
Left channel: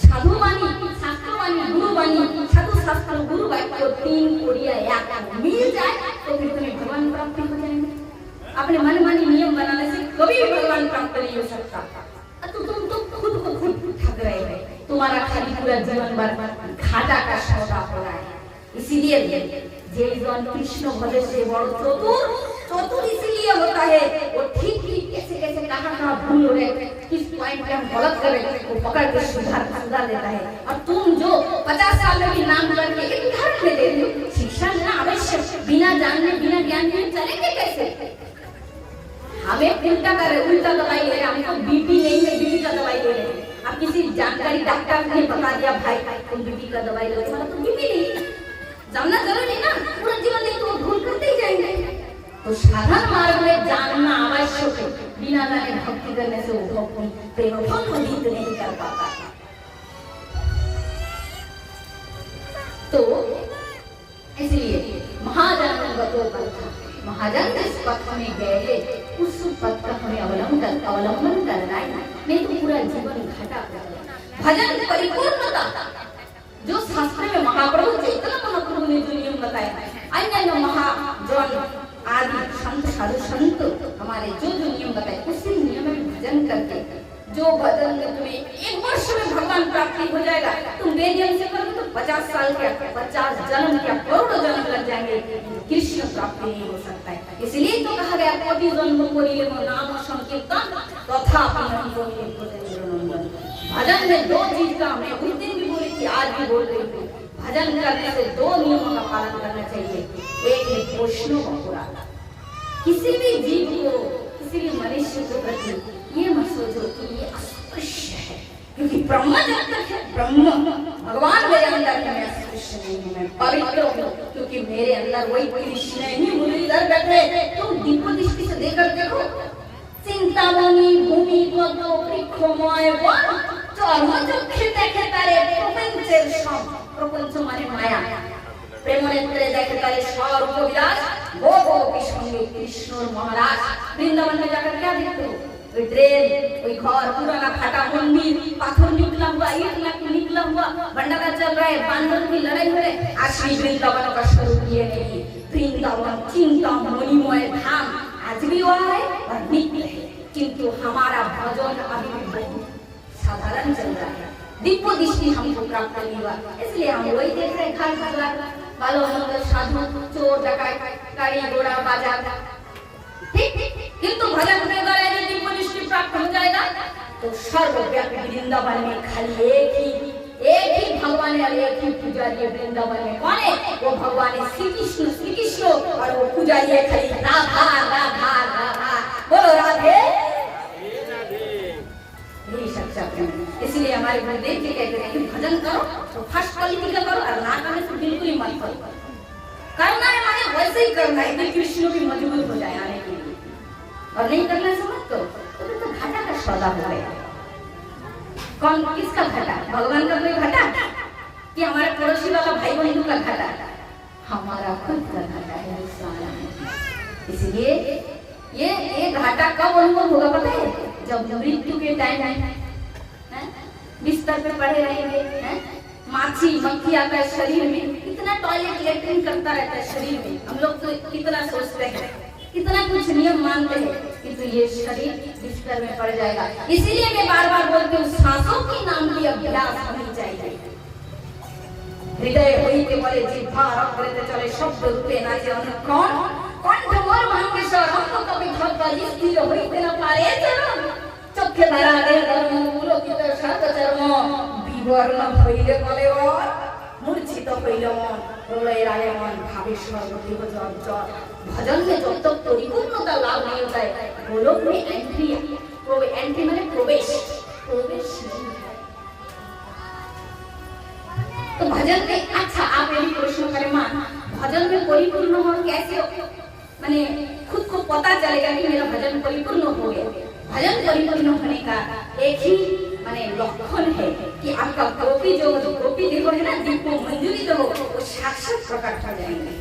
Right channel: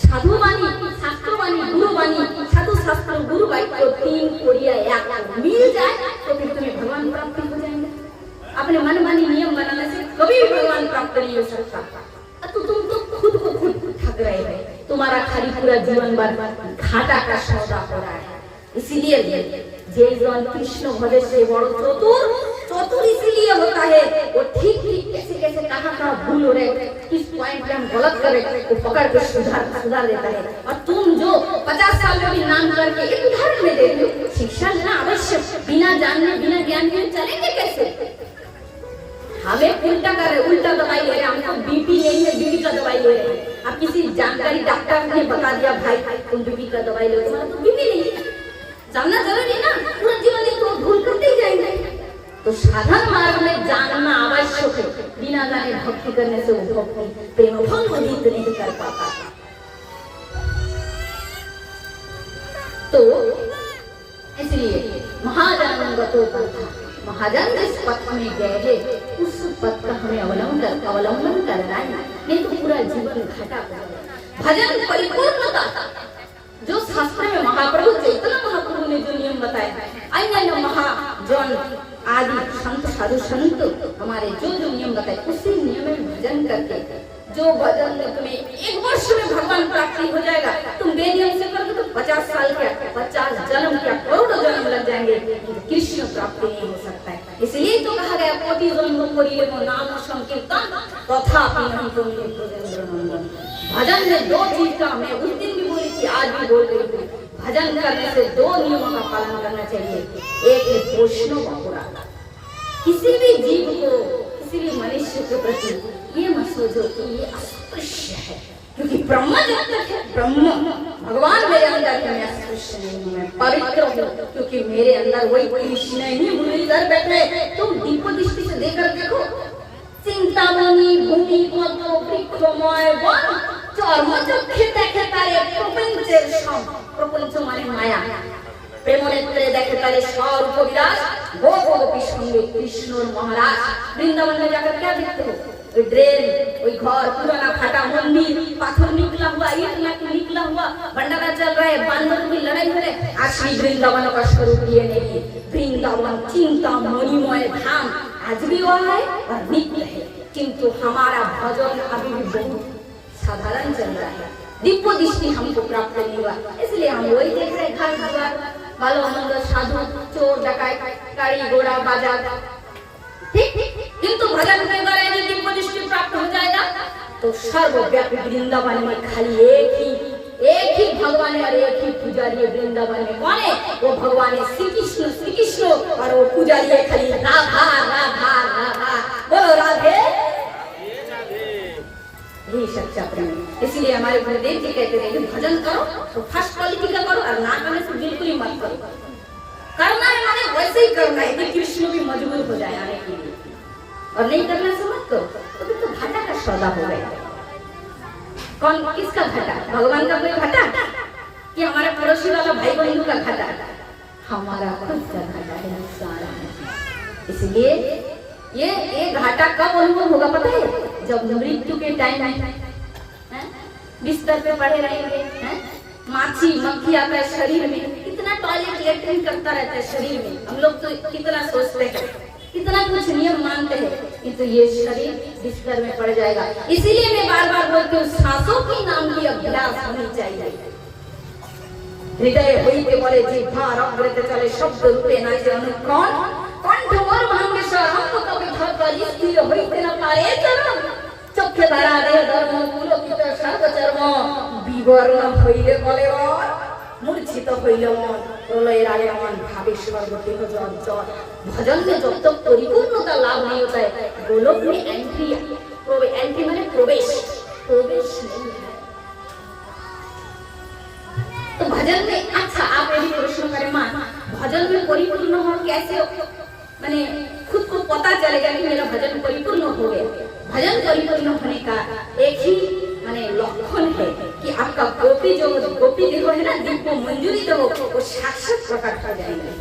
साधुवाणी, शास्त्रवाणी, गुरुवाणी, साधु शास्त्र गुरु वाक्य तीन कोरिया एक मिल जाए तो फिर तुम्हें भगवान प्राप्ति हो जाएंगे। अपने मनमानी नियम बनाने से कभी भी भगवान प्राप्त नहीं हो सकता। तो तुम तो खुद को खुद ठग रहे हो, तुम्हारा खाली पूरा जीवन भर घाटा का सौदा हो रहा है। इसीलिए जय जवान कृष्ण भजे से चतुर इसीलिए होता है। वो ठीक कैसे कहाँ भूल हो रहे, किस पॉइंट पे हम गलत कर रहे, वो पकड़ के सुधार देता है। और तुम जो 50 साल में भी नाम करके एक उदाहरण में देते हो, शिक्षा लेना आवश्यक, बिना जानने बिना ज्ञान के चलेंगे कैसे? हमें उल्टा कर रहे, उल्टा दवाई ले रहे, हमको बीपी नहीं है, बीपी का दवाई ले रहे हैं। अब किसी जानकारी डॉक्टर ने बता दिया भाई तुम बीपी का दवाई लो, मतलब तो बीपी नहीं है, जानना जरूरी ना, पूरा जीवन तो भूल करते ही जाएंगे। तो साधन मार्ग में जानना आवश्यक है। बिना जाने भक्ति करने से वो भक्ति प्रेम भंग नहीं कर पाता। तो इसलिए महाजन गतो पंथा, महाजन जिस पथ में गए हैं उस पथ का हमें अवलंबन करना है, नहीं तो पूरा जीवन घाटा पड़ेगा। भजन परिपूर्णता, जो शास्त्र में महाप्रभु चैतन्य महाप्रभु ने जो नियम बताया, अन्य महाजन आदि संत साधु संत हमारे जो नियम बताए उसी नियम में भजन करके जो भजन में तुम्हें 1 वर्ष में भगवान प्राप्ति हो जाएगा। तुम बेनियम से करोगे तो 50 साल क्या, 50 जन्म क्या, करोड़ों जन्म लग जाएंगे, कृष्ण प्राप्ति नहीं हो सकता है। इसलिए तो कहा गया कोटि जन्म कोरिले को नाम संकीर्तन तथापि नहीं को मिले ब्रजेंद्र नंदन। भजन में 2 चीज का, मैं उस दिन भी बोली थी, आज भी बोल रही हूँ, भजन करने से 2 नियमों का पालन करना चाहिए। एक है पोषणों का पूरा, किसी भी जीव को, किसी भी मनुष्य के प्रति ये मत सोचो कि ये अस्पृश्य है, क्योंकि ब्रह्म जब तक है, ब्रह्म भगवान मेरे अंदर है, मैं अस्पृश्य नहीं हूँ, मैं पवित्र हूँ, क्योंकि मेरे अंदर वही कृष्ण ही मुरलीधर बैठे। तुम दीपो दृष्टि से देखकर देखो, चिंतामणि भूमि पद्म वृक्षमय वन चर्म चक्षे देखे तारे प्रपंचेर सम, प्रपंच माने माया, प्रेमनेत्रे देखे तारे स्वरूप विलास, गोपी संगे कृष्ण और महाराज। वृंदावन में जाकर क्या देखते हो, वही ड्रेन, वही घर, पुराना फाटा मंदिर, पाथर निकला हुआ, ईंट निकला हुआ, भंडारा चल रहा है, बांदर की लड़ाई हो रही है। असली वृंदावन का स्वरूप ये नहीं, वृंदावन चिंता मणिमय धाम आज भी वहाँ है और नित्य है, किंतु हमारा भजन अभी भी बहुत साधारण चल रहा है, दिव्य दृष्टि हमको प्राप्त नहीं हुआ, इसलिए हम वही देख रहे हैं, घर द्वार, बालो मंगल, साधु, चोर डकैत, गाड़ी घोड़ा बाजार, ठीक। किंतु भजन के द्वारा यदि दिव्य दृष्टि प्राप्त हो जाएगा तो सर्वव्यापी वृंदावन में खाली एक ही भगवान है और एक ही पुजारी है। वृंदावन में कौन है, वो भगवान है श्री कृष्ण, और वो पुजारी है खाली राधा राधा राधा। बोलो राधे यही सच्चा प्रेम। इसलिए हमारे गुरुदेव जी कहते हैं कि भजन करो तो फर्स्ट क्वालिटी का करो, और ना करने से बिल्कुल ही मत करो। करना है माने वैसे ही करना है कि कृष्ण भी मजबूर हो जाए आने के लिए, और नहीं करना से मत करो, तो फिर तो घाटा का सौदा हो गया। कौन किसका घाटा, भगवान का कोई घाटा कि हमारे पड़ोसी वाला भाई बहन का घाटा, हमारा खुद का घाटा है सारा। इसलिए ये घाटा कब अनुभव होगा पता है, जब मृत्यु के टाइम है, बिस्तर पे पड़े रहेंगे, माछी मक्खी आता है शरीर में, कितना टॉयलेट लेटरिन करता रहता है शरीर में। हम लोग तो कितना सोचते हैं, कितना कुछ नियम मानते हैं, कि तो ये शरीर बिस्तर में पड़ जाएगा। इसीलिए मैं बार बार बोलती हूँ, सांसों की नाम की अभ्यास होनी चाहिए। हृदय होइते बले जिह्वा रगड़ते चले शब्द रूपे नाचे अनुक्रम कंठ मोर मंगेश्वर हम तो कभी धर स्थिर होइते न पारे चरण चक्षे धरा दे धर्म पुरोहित शत चर्म विवरण হইলে বলে मूर्छित হইলে মন প্রলয় রাগে मन भावेश्वर गति हो जड़। भजन में जब तक परिपूर्णता लाभ नहीं होता है, गोलोक में एंट्री माने प्रवेश नहीं है। तो भजन में, अच्छा आप यदि प्रश्न करें मां, भजन में परिपूर्ण हो कैसे, माने खुद को पता चलेगा कि मेरा भजन परिपूर्ण हो गया। भजन परिपूर्ण होने का एक ही माने लक्षण है कि आपका गोपी देह है ना, दीपो मंजूरी तो वो साक्षात प्रकट हो जाएंगे।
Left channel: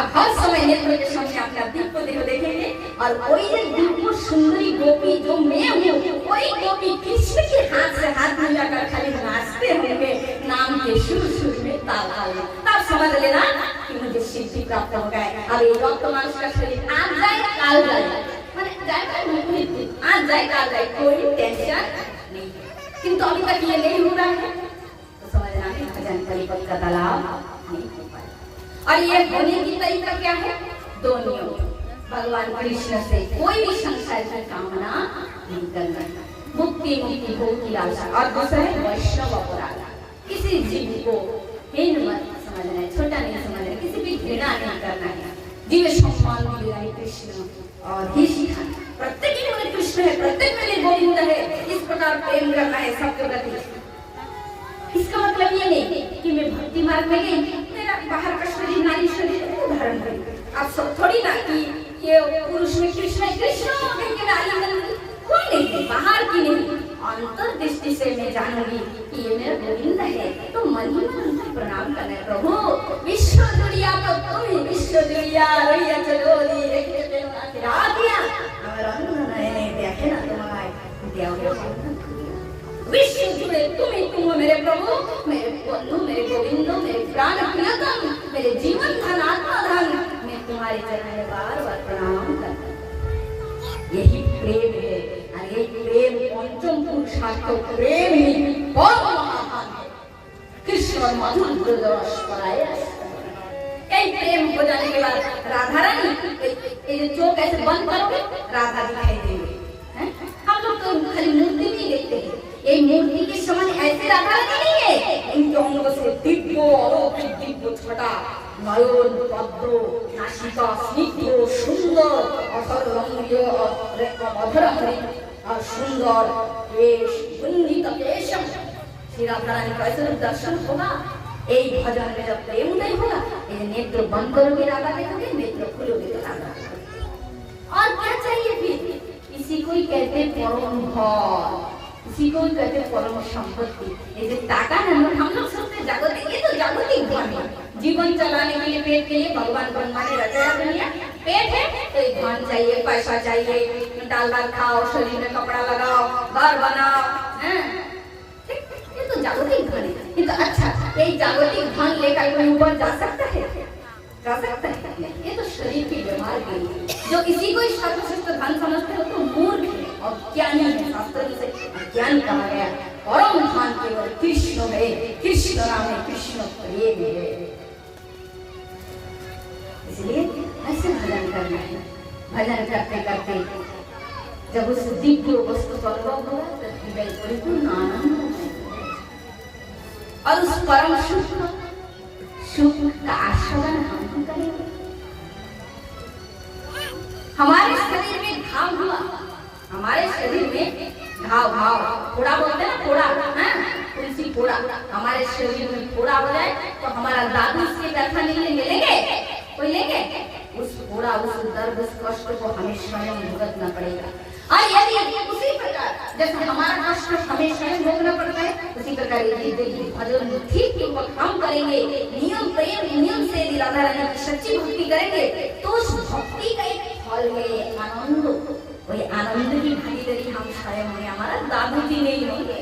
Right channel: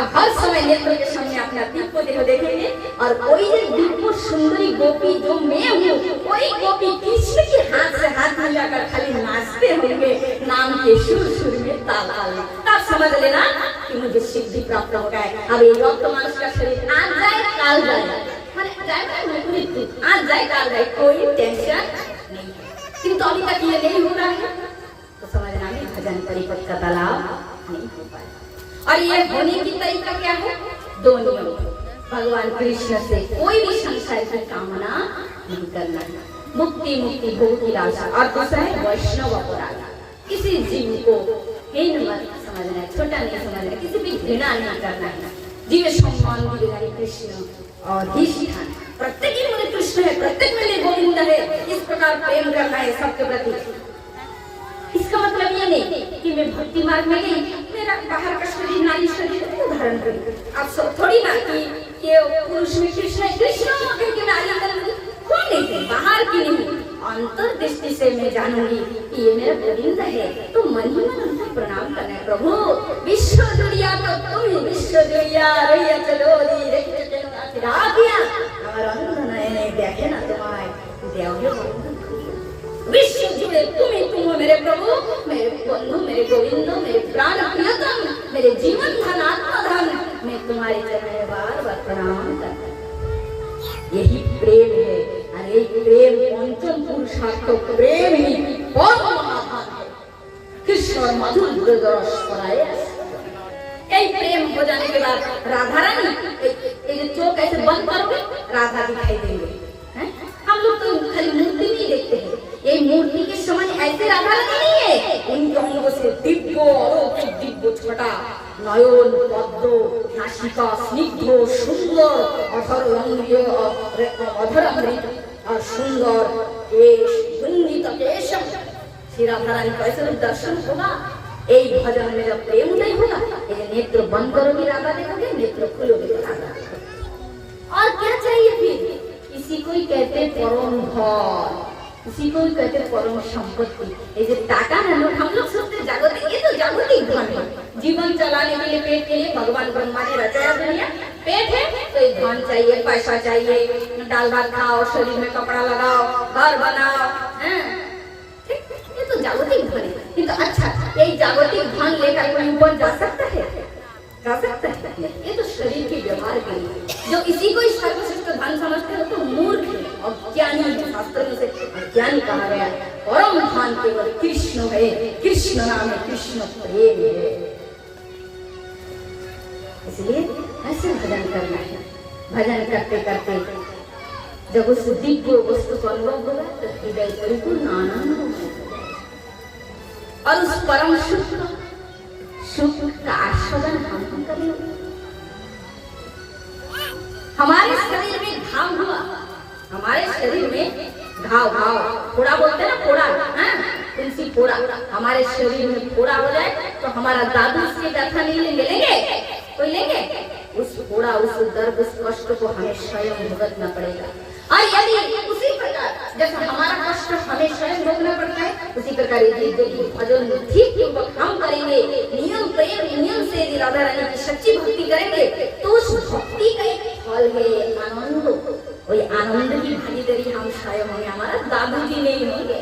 आप हर समय नेत्रों के सामने अपना दीपो देह देखेंगे, और कोई एक दीपो सुंदरी गोपी जो मैं हूँ, कोई गोपी कृष्ण के हाथ से हाथ मिलाकर खाली नाचते होंगे, नाम के सुर में ताल में, तब समझ लेना कि मुझे सिद्धि प्राप्त हो गया। अब ये वर्तमान का शरीर आज जाए काल जाए, आज जाए काल जाए, कोई टेंशन नहीं है। किंतु अभी तक ये नहीं हो रहा है तो समझना में भजन परिपक्व का लाभ नहीं हो पाए। और ये होने की तरीका क्या है, 2 नियम। भगवान कृष्ण से कोई भी संसार की कामना नहीं करना, मुक्ति भोग की लालसा, और दूसरा है वैष्णव अपराध। किसी जीव को हीन मत समझना है, छोटा नहीं समझना है, किसी भी घृणा नहीं करना है। जीव सम्मान मिले कृष्ण और धिष्ठान, प्रत्येक ही मुझे कृष्ण है, प्रत्येक में गोविंद है, इस प्रकार प्रेम करना है सबके प्रति। इसका मतलब ये नहीं कि मैं भक्ति मार्ग में गई, मेरा बाहर का शरीर नारी शरीर उदाहरण करूं। आप सब थोड़ी ना कि ये पुरुष में कृष्ण है, कृष्ण क्योंकि मैं आलिंगन कोई नहीं है, बाहर की नहीं, अंतर्दृष्टि से मैं जानूंगी कि ये मेरा गोविंद है, तो मन ही मन उनको प्रणाम करना है। प्रभु विश्व जुड़िया तो तुम ही विश्व जुड़िया रैया चलोरी रेखे चलो आशीर्वादिया हमारा नयने देखे ना तुम्हारे देवयो विश्व जुड़े तुम हो मेरे प्रभु, मेरे बंधु, मेरे गोविंदो, मेरे प्राण प्रियतम, मेरे जीवन धन आत्मा धन, मैं तुम्हारे चरण में बार बार प्रणाम करता हूं। यही प्रेम है, और ये प्रेम पंचम पुरुषार्थ प्रेम ही बहुत महान है। कृष्ण और मधुर दुर्दश पराया। यही प्रेम हो जाने के बाद राधा रानी ये चौक ऐसे बंद करोगे राधा दिखाई देंगे। हम लोग तो खाली मूर्ति नहीं देखते हैं, ये मूर्ति के समान ऐसे राधा रानी नहीं है। इनके अंगों से दिव्य छटा नयन पद्म नासिका स्निग्ध सुंदर अधर लंबिय अधर हरित और सुंदर केश वंदित केशम। श्री राधा रानी का ऐसे दर्शन होगा। एक भजन में जब प्रेम नहीं होगा, ये नेत्र बंद करोगे राधा देखोगे, नेत्र खोलोगे तो राधा देखोगे। और क्या चाहिए फिर? इसी को ही कहते परम धन, इसी को ही कहते परम संपत्ति। ये जो टाका है हम लोग सोचते जागतिक, ये तो जागतिक धन है। जीवन चलाने के लिए, पेट के लिए भगवान ब्रह्मा ने रचाया दुनिया। पेट है तो ये धन चाहिए, पैसा चाहिए, दाल भात खाओ, शरीर में कपड़ा लगाओ, घर बनाओ, ये तो जागतिक धन है। किंतु अच्छा, यही जागतिक धन लेकर कोई ऊपर जा सकता है? जा सकता है? ये तो शरीर के व्यवहार के लिए। जो इसी को सर्वश्रेष्ठ धन समझते हो तो मूर्ख है और ज्ञानी है। शास्त्रों से ज्ञानी कहा गया परम धन केवल कृष्ण है, कृष्ण नाम है, कृष्ण प्रेम है। इसलिए ऐसे भजन करना है। भजन करते करते जब उस दिव्य वस्तु को अनुभव होगा तो हृदय परिपूर्ण आनंद होगा और उस परम सुख का आस्वादन हम करेंगे। हमारे शरीर में घाव हुआ, हमारे शरीर में घाव फोड़ा बोलते हैं ना, फोड़ा, तुलसी फोड़ा। हमारे शरीर में फोड़ा हो जाए तो हमारा दादू उसकी व्यथा नहीं लेंगे, कोई लेंगे? उस फोड़ा, उस दर्द, उस कष्ट को हमें स्वयं भुगतना पड़ेगा। और यदि उसी प्रकार जैसे हमारा कष्ट हमें स्वयं भोगना पड़ता है, उसी प्रकार भजन ठीक हम करेंगे, नियम प्रेम नियम से यदि राधा रानी की सच्ची भक्ति करेंगे तो उस भक्ति का एक फल है आनंद। वही आनंद की भागीदारी हम स्वयं होंगे, हमारा दादू जी नहीं होंगे।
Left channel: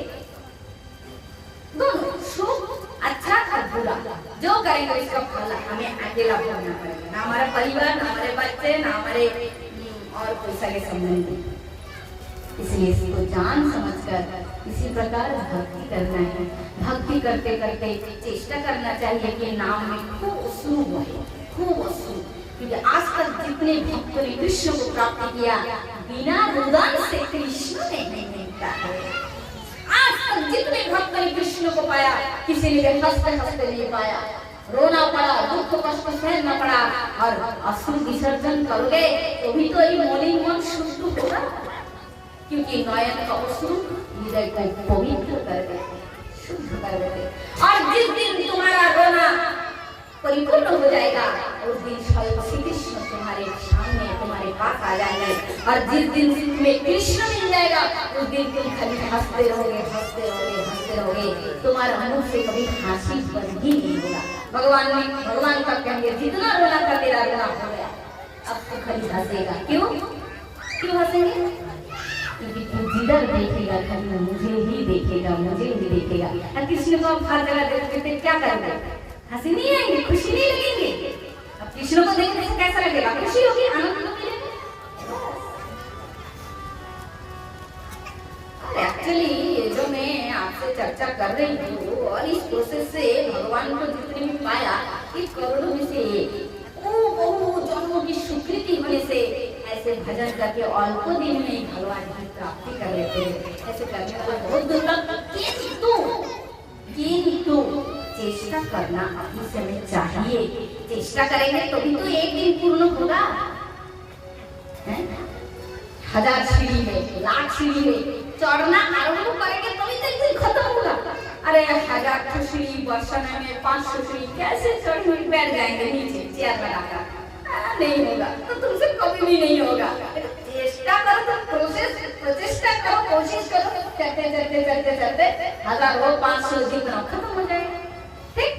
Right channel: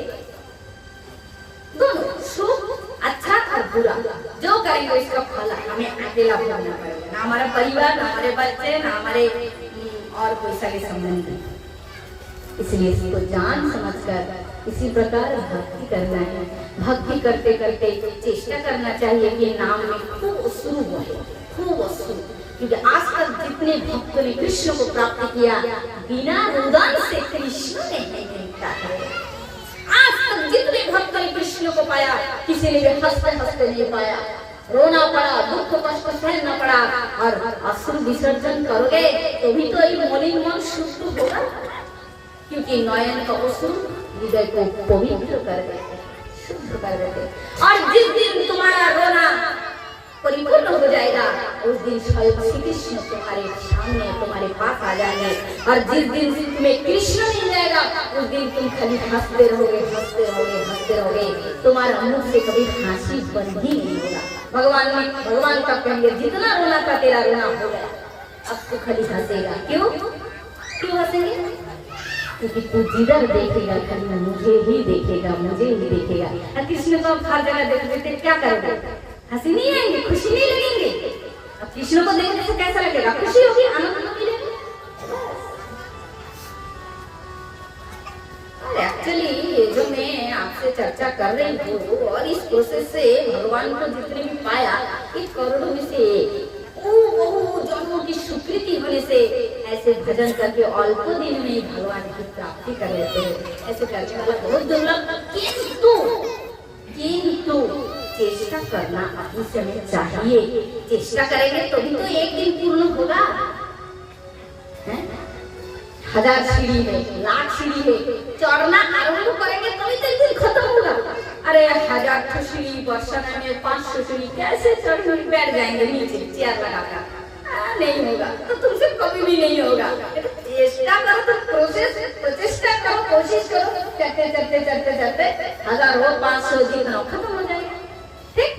दोनों सुख अच्छा और बुरा जो करेंगे उसका फल हमें अकेला भोगना पड़ेगा। ना हमारा परिवार, ना हमारे बच्चे, ना हमारे और कोई सगे संबंधी। इसलिए इसको जान समझकर इसी प्रकार भक्ति करना है। भक्ति करते करते चेष्टा करना चाहिए कि नाम में खूब वस्तु है, खूब वस्तु। क्योंकि आज तक जितने भक्तों ने कृष्ण को प्राप्त किया बिना रुदन से कृष्ण ने नहीं मिलता है। आज तक जितने भक्तों ने कृष्ण को पाया किसी ने भी हंसते हंसते नहीं पाया, रोना पड़ा, दुख कष्ट सहना पड़ा। और अश्रु विसर्जन करोगे तो भी तो ये मलिन मन शुद्ध होगा, क्योंकि नयन का अश्रु हृदय को पवित्र कर देते, शुद्ध कर देते। और जिस दिन तुम्हारा रोना परिपूर्ण हो जाएगा उस दिन स्वयं श्री कृष्ण तुम्हारे सामने, तुम्हारे पास आ जाएंगे। और जिस दिन तुम्हें कृष्ण मिल जाएगा उस दिन तुम खाली हंसते रहोगे, हंसते रहोगे, हंसते रहोगे। तुम्हारा मुंह से कभी हंसी बंद ही नहीं होगा। भगवान का कहेंगे जितना रोना था तेरा रोना हो गया, अब तो खाली हंसेगा। क्यों हंसेंगे? क्योंकि तू जिधर देखेगा खाली मुझे ही देखेगा, मुझे ही देखेगा। कृष्ण को अब हर जगह देखते क्या करोगे? हंसी नहीं आएंगे, खुशी नहीं लगेंगे। अब कृष्ण को देखने से कैसा लगेगा? खुशी होगी, आनंद होगी। एक्चुअली ये जो मैं आपसे चर्चा कर रही हूँ और इस प्रोसेस से भगवान को जितने भी पाया, इस करोड़ों में से बहु जन्मों की स्वीकृति होने से ऐसे भजन करके अल्प दिन में ही भगवान की प्राप्ति कर लेते हैं। ऐसे करने वाला बहुत दुर्लभ। किंतु चेष्टा करना अपनी समय चाहिए। चेष्टा करेंगे तो भी तो एक दिन पूर्ण होगा। 1000 सीढ़ी है, 1,00,000 सीढ़ी है, चढ़ना आरंभ करेंगे तभी तो एक दिन खत्म होगा। अरे 1000 सीढ़ी बरसाने में 500 सीढ़ी कैसे चढ़ बैठ जाएंगे नीचे चेयर लगाकर? नहीं होगा, तो तुमसे कभी भी नहीं होगा। चेष्टा करो तो प्रचेष्टा करो, कोशिश करो, चलते चलते चलते चलते 1000 हो 500 जितना खत्म हो जाएगा। ठीक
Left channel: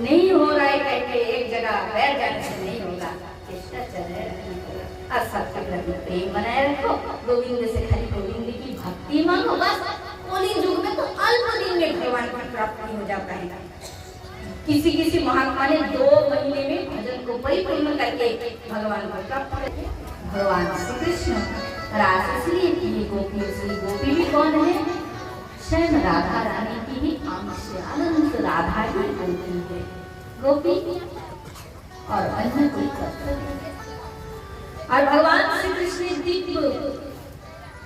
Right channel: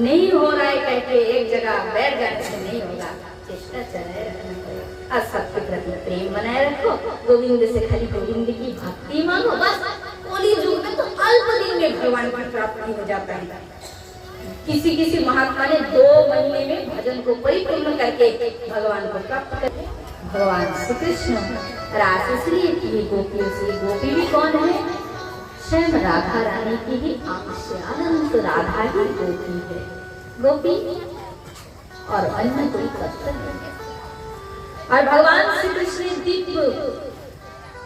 नहीं हो रहा है कह के एक जगह बैठ जाने से नहीं होगा। चेष्टा चले रहना पड़ेगा और सबके प्रति प्रेम बनाए रखो। गोविंद से खाली गोविंद की भक्ति मांगो बस। कली युग में तो अल्प दिन में भगवान की प्राप्ति हो जाता है। किसी महात्मा ने 2 महीने में भजन को परिपूर्ण करके भगवान को प्राप्त करके भगवान श्री कृष्ण रास इसलिए गोपी से गोपी भी कौन है? स्वयं राधा रानी की ही अंश अनंत राधा ही गोपी है, गोपी और अन्य कोई तत्व नहीं है। और भगवान श्री कृष्ण दिव्य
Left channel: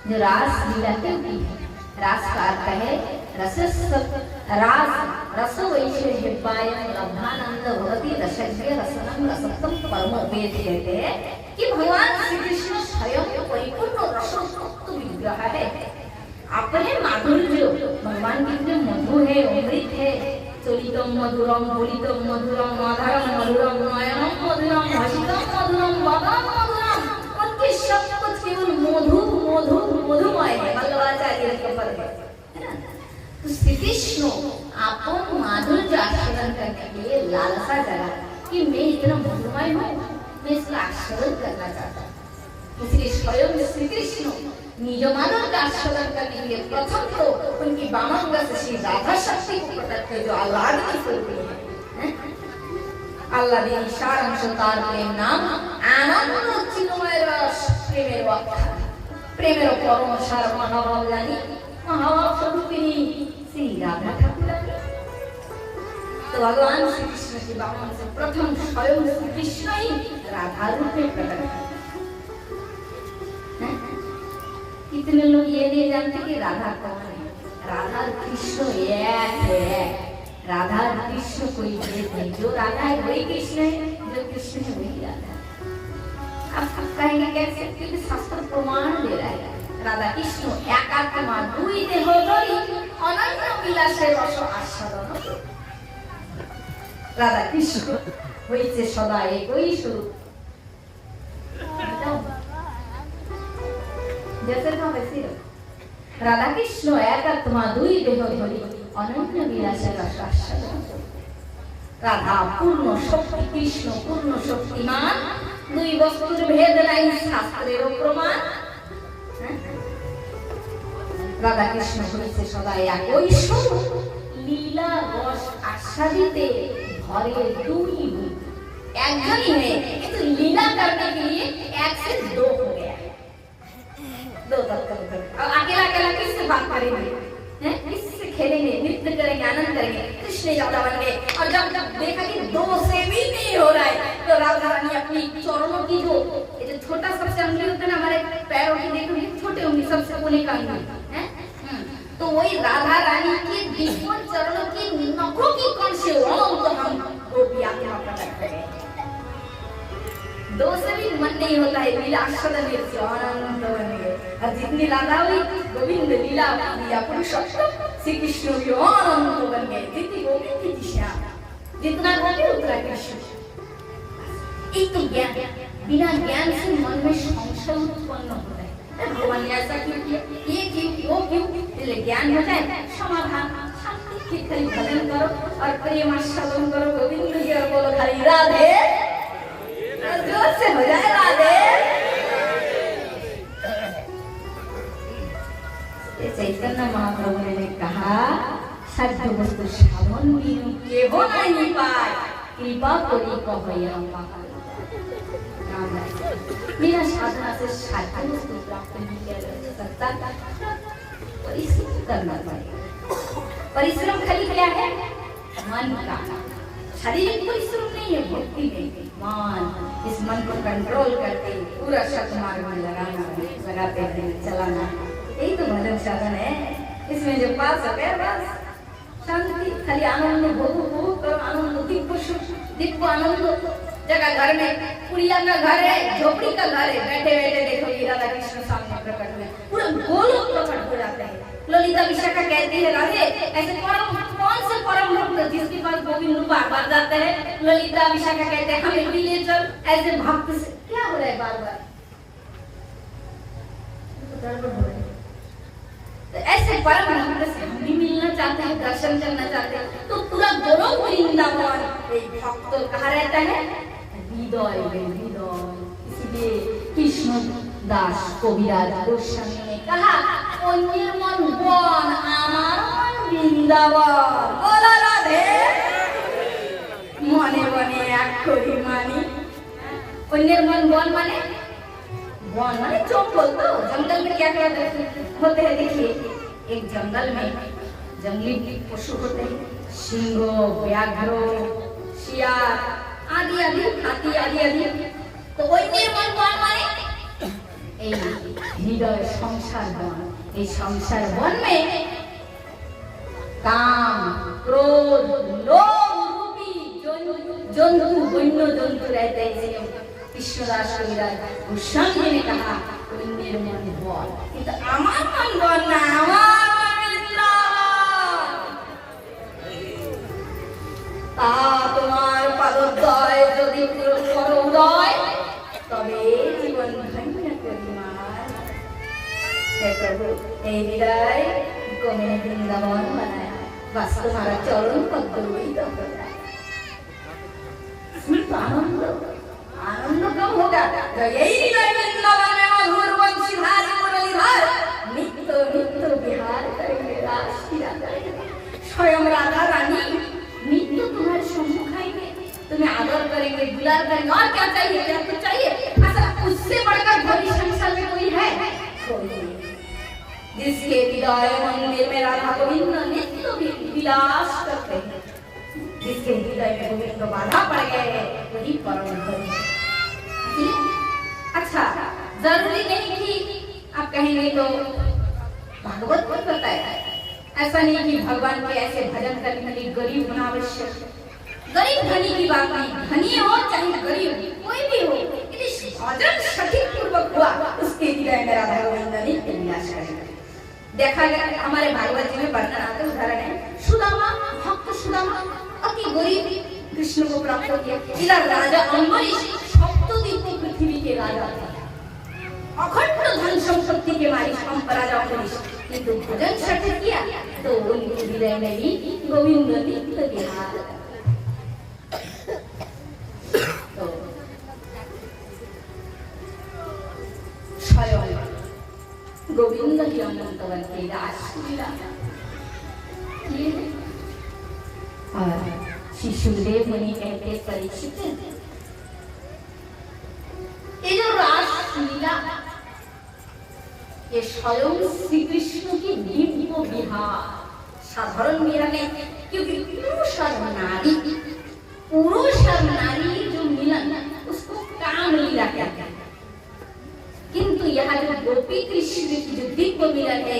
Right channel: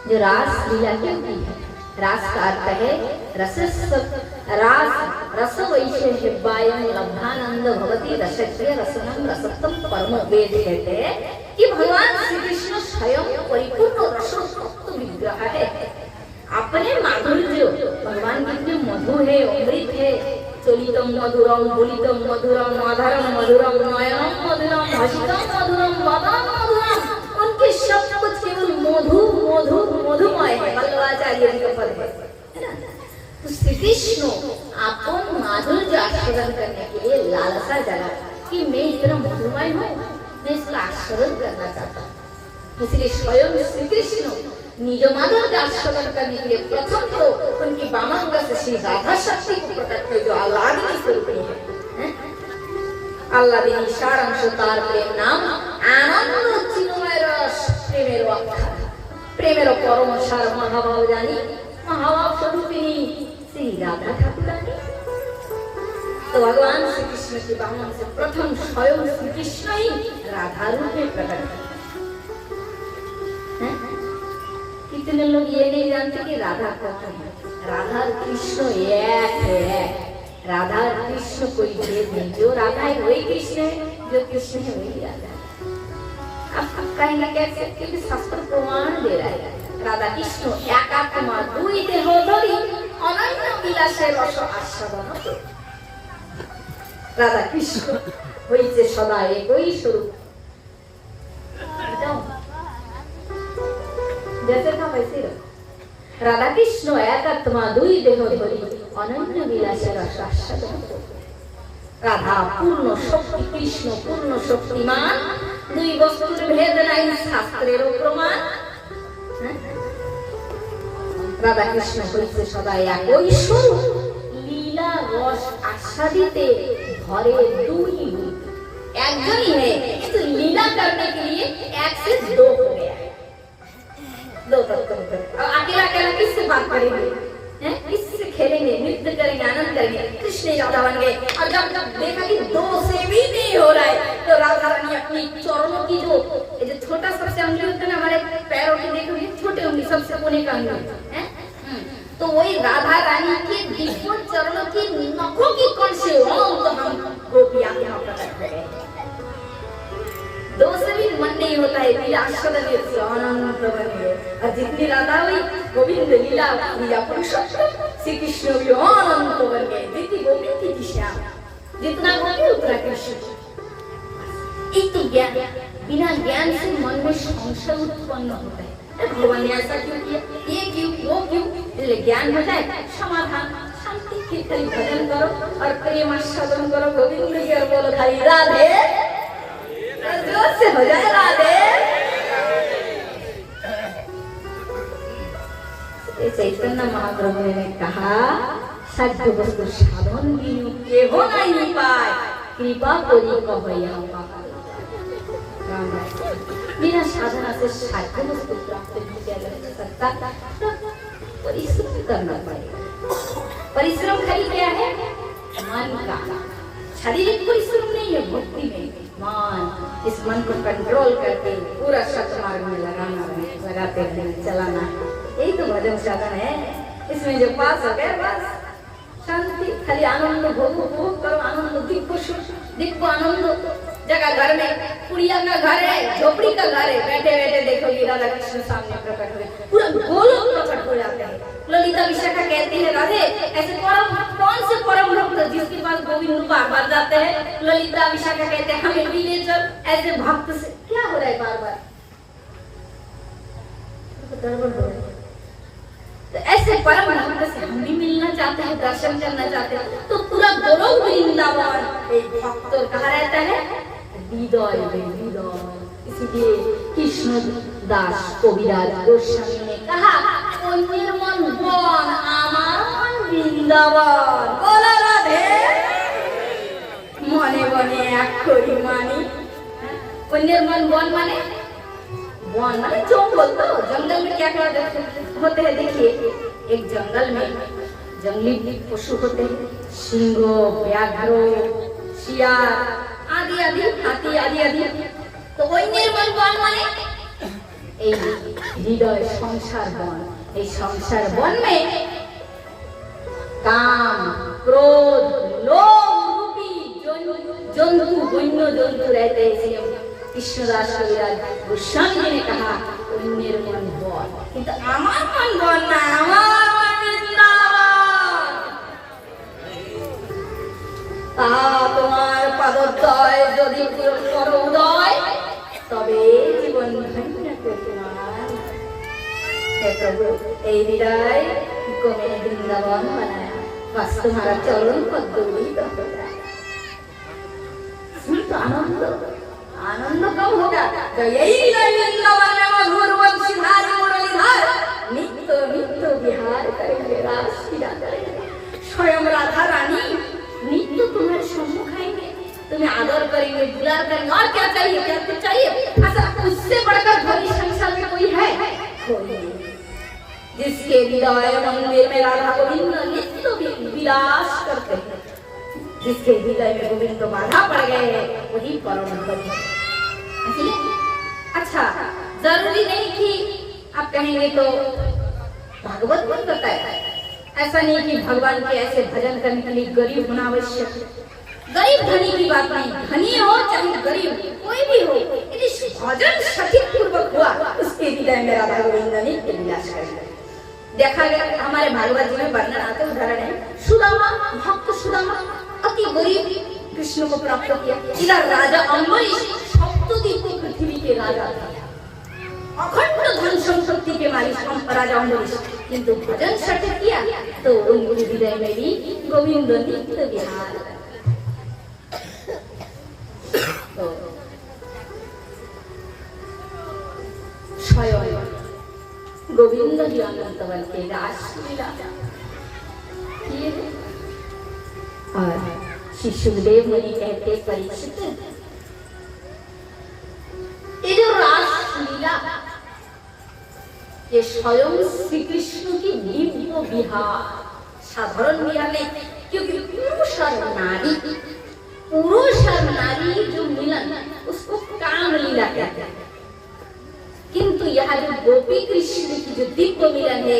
जो रास लीला क्यों की है, रास का अर्थ है रस वैश्य हिब्बायम लब्धानंद भवति रसज्ञ रसनम रसत्तम परमो वेद कहते हैं कि भगवान श्री कृष्ण स्वयं परिपूर्ण रसोत्तम विग्रह है। अपने माधुर्य भगवान कितने मधुर है, अमृत है। चलितम मधुरम बोलितम मधुरम माधरम मधुरम नयनम मधुरम भाषितम मधुरम वदनम मधुरम, उनके सब कुछ केवल मधु मधु मधुमय है। वल्लभाचार्य का पद है। तो श्री कृष्ण आपको माधुर्य आस्वादन करने के लिए लालसा जगा कि मैं इतना मधुमय हूँ, मैं इसका आस्वादन करना चाहता हूँ। इसलिए स्वयं श्री कृष्ण निज माधुर्य आस्वादन करने के लिए प्रथम तो उनकी वामांग से श्री राधा शक्ति को प्रकट कर जो आह्लादिनी स्वरूपी है। आह्लादिनी सारम सुतार प्रेम नाम आनंद चिन्मय रस प्रेमेर अक्षर, प्रेमेर परम सार महाभाव जानी महाभाव स्वरूपिणी श्री राधा ठाकुरानी। तो भगवान श्री कृष्ण के वामन से प्रथम स्वयं श्री कृष्ण ही राधा रूप में प्रकट है। कितने लोग ये नहीं जानते कि राधा कौन है। राधा कृष्ण एक है, राधा कृष्ण कोई भेद नहीं। जो राधा है वही कृष्ण है, जो कृष्ण है वही राधा है। अब कहेंगे कैसे, क्योंकि शास्त्र प्रमाण दे रहा है राधा कृष्ण एकात्मा दुई देह धरि अनन्य विलासे रस आस्वादन। राधा कृष्ण হইছে সদা একই স্বরূপ। जैसे का वैसे राधा कृष्ण एकात्मा दुई देह धरि अनन्य विलासे रस आस्वादन। राधा पूर्ण शक्ति, कृष्ण पूर्ण शक्तिमान, दुई वस्तुर भेद নাই শাস্ত্রের প্রমাণ। রাধা কৃষ্ণ হইছে সদা একই স্বরূপ, লীলা রস आस्वादिते धरे दुई रूप। একজন ही है, किंतु लीला करने के लिए एक से दो हो गया, दो तत्व। अब अकेला अकेला किससे बात करेंगे, किससे खेलेंगे, नृत्य करेंगे, आनंद करेंगे। कृष्ण राधा बन गए। और जब देखा कि दो से भी नहीं हो रहा है, तो राधा रानी अपनी चरणों की जो ये जो छोटा सबसे उंगली होता है ना हमारे पैरों की, देखो छोटे उंगली सबसे कोने का उंगली है, तो वही राधा रानी के दिव्य चरणों की नखों की कण से तो हम गोपियां यहाँ प्रकट करें। दो से भी मन नहीं होता है, लीलास्वादन से आनंद बन गए। और जितनी राधा हुई गोविंद लीला लीला पुरुषोत्तम श्री कृष्ण भी आनंद बन गए। जितनी गोविंद की दिशा, जितना गोपी उतना कृष्ण। एक तो ज्ञान, बिना ज्ञान से मन में संशय उत्पन्न होता है, भगवान ने ऐसा क्यों किया, ये क्यों, वो क्यों। इसलिए ज्ञान हो जाए, समाधान, शांति के करीब भजन करो और प्रेम आस्वादन करो गोविंद की। और बोलो हरि राधे, जोर से हो जाए राधे। चैतन्य महाप्रभु ने कहा साध्य वस्तु साधन बिनु के हो नहीं पाए, कृपा कोई कभैया बिना साधना से साध्य वस्तु प्राप्त नहीं किया जा सकता। परिश्रम करना पड़ेगा। परिश्रम खाली क्या है, मन का। शारीरिक परिश्रम नहीं है, भक्ति में मन, इस मन को कंट्रोल करके पूरा सत्मार्ग में लगाते हैं, चलाना। यही तो भजन साधन है। इसमें जो पास हो गया बस शांति, खाली आनंद भोग करो, आनंद दिव्य आनंद। जगह घर में पुड़िया का घर है, झोपड़ी का घर है, बैठे बैठे देखो ये राधा कृष्ण सामने प्रकट हुए, पूरा गोलोक प्रकट हो जाते हैं। ललिता विशाखा कहते हैं राधे ऐसे कौन से परम भक्त जिसके पास गोविंद रूप बार जाते हैं। ललिता विशाखा कहते हैं हमें भी ले चल। ऐसे भक्त से क्या हो रहा है, बार बार गड़बड़ हो रहा है। तो ऐसे परम भक्त से हम भी मिलना चाहते हैं, दर्शन करना चाहते हैं। तो पूरा गोलोक वृंदावन एक भक्त कहाँ रहता है, हृदय में हृदय। इसीलिए कृष्ण दास कविराज गोस्वामी ने कहा अन्येर मन बन आमार मन वृंदावन। बोला राधे, मने बने अक्षरी मानी। अन्येर मन बन माने वन माने जंगल। तो जंगल में क्या क्या होते हैं देखिए, एक जंगल में जंगली पशु होते हैं, सिंह, व्याघ्र, शियार आदि आदि, हाथी आदि आदि। तो ওই নির্মল বন মানে এই হৃদয় সংসার বন। এই সংসার বন में काम, क्रोध, लोभ रूपी जंतु, वन्य जंतु रहते हैं। इसलिए कृष्णदास कविराज गोस्वामी जी ने कहा ওই নির্মল বন। কিন্তু আমার মন বন না, আমার তোমার পাদোদয় যদি করোদয় তবে জীবন ধন্য তোমার। हे प्रभु এই হৃদয় को मैंने वृंदावन बनाया, बस तुम्हारा चरण पद ही तो होगा। तो आनंद आनंद कब होगा? तो यही हृदय वृंदावन में मधुर वंशीधार मुरलीधर नित्य नित्य विहार करेंगे, रास लीला करेंगे। स्वयं राधा रानी नित्य तुम्हारे सम्मुख आएंगे, तुम्हें आदर करेंगे, दुलार करेंगे। और क्या चाहिए? क्या तो चाहिए? ऐसा उससे बढ़कर भरी संसार में कोई है? कोई नहीं। जिसके हृदय मंदिर में राधा गोविंद नित्य विलास करते हैं, जिसके हृदय में गोविंद बाधा पड़ गए वही परम बलि। अच्छा, जरूरी नहीं कि आप कहेंगे तो भागवत में बताया, ऐसा नहीं कि भगवान के ऐसे भजन करने के लिए गरीब होना आवश्यक। गरीब धनी की बात नहीं, धनी हो चाहे गरीब कोई भी हो, यदि भजन सठिक पूर्वक हुआ उसके हृदय में राधा गोविंद नित्य विलास करेंगे। देखा गया हमारे भागवत जी में वर्णन आते उदाहरण है, सुदामा, भक्त सुदामा अति गरीब कृष्ण को प्राप्त किया। इधर राजा अम्बरीश सप्तद्वीप पृथ्वी के राजा थे, अखंड धन संपत्ति के मालिक राजा अम्बरीश, किंतु भजन सठिक किया तो उनके हृदय में भी गोविंद नित्य विहार। तो स्वयं गोविंद ही अनंतवन के रासलीला किए हैं। और श्री सुखदेव मुनि कहते परीक्षित, ये जो रासलीला ये स्वयं श्री कृष्ण की दिव्य विहार, साधारण विहार नहीं, क्योंकि पुरुष और नारी जो मिलन उसको काम लीला कहते हैं। किंतु यहाँ जो गोपी कृष्ण की जो दिव्य मिलन है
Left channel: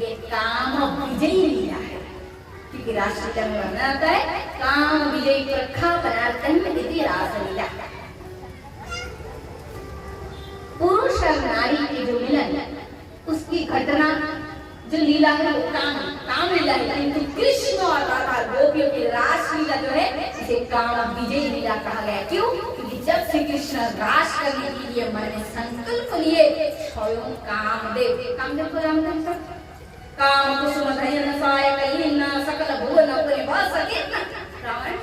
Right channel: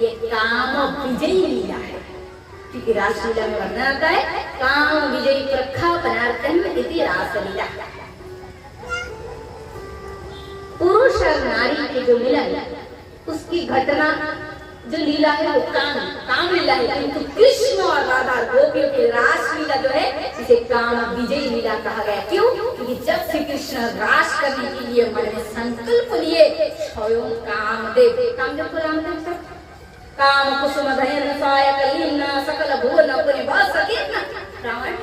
ये काम विजयी लीला है, क्योंकि रासलीला में वर्णन आता है काम विजयी प्रखा पदार्थन इति रासलीला। पुरुष और नारी के जो मिलन उसकी घटना जो लीला है वो काम लीला है, किंतु कृष्ण और राधा गोपियों की रासलीला जो है इसे काम विजयी लीला कहा गया। क्यों? क्योंकि जब श्री कृष्ण रास करने के लिए मन में संकल्प लिए स्वयं कामदेव को रामदेव सब काम कुसुम धयन साय कलीना सकल भुवन अपने बस सकीर्न रामायण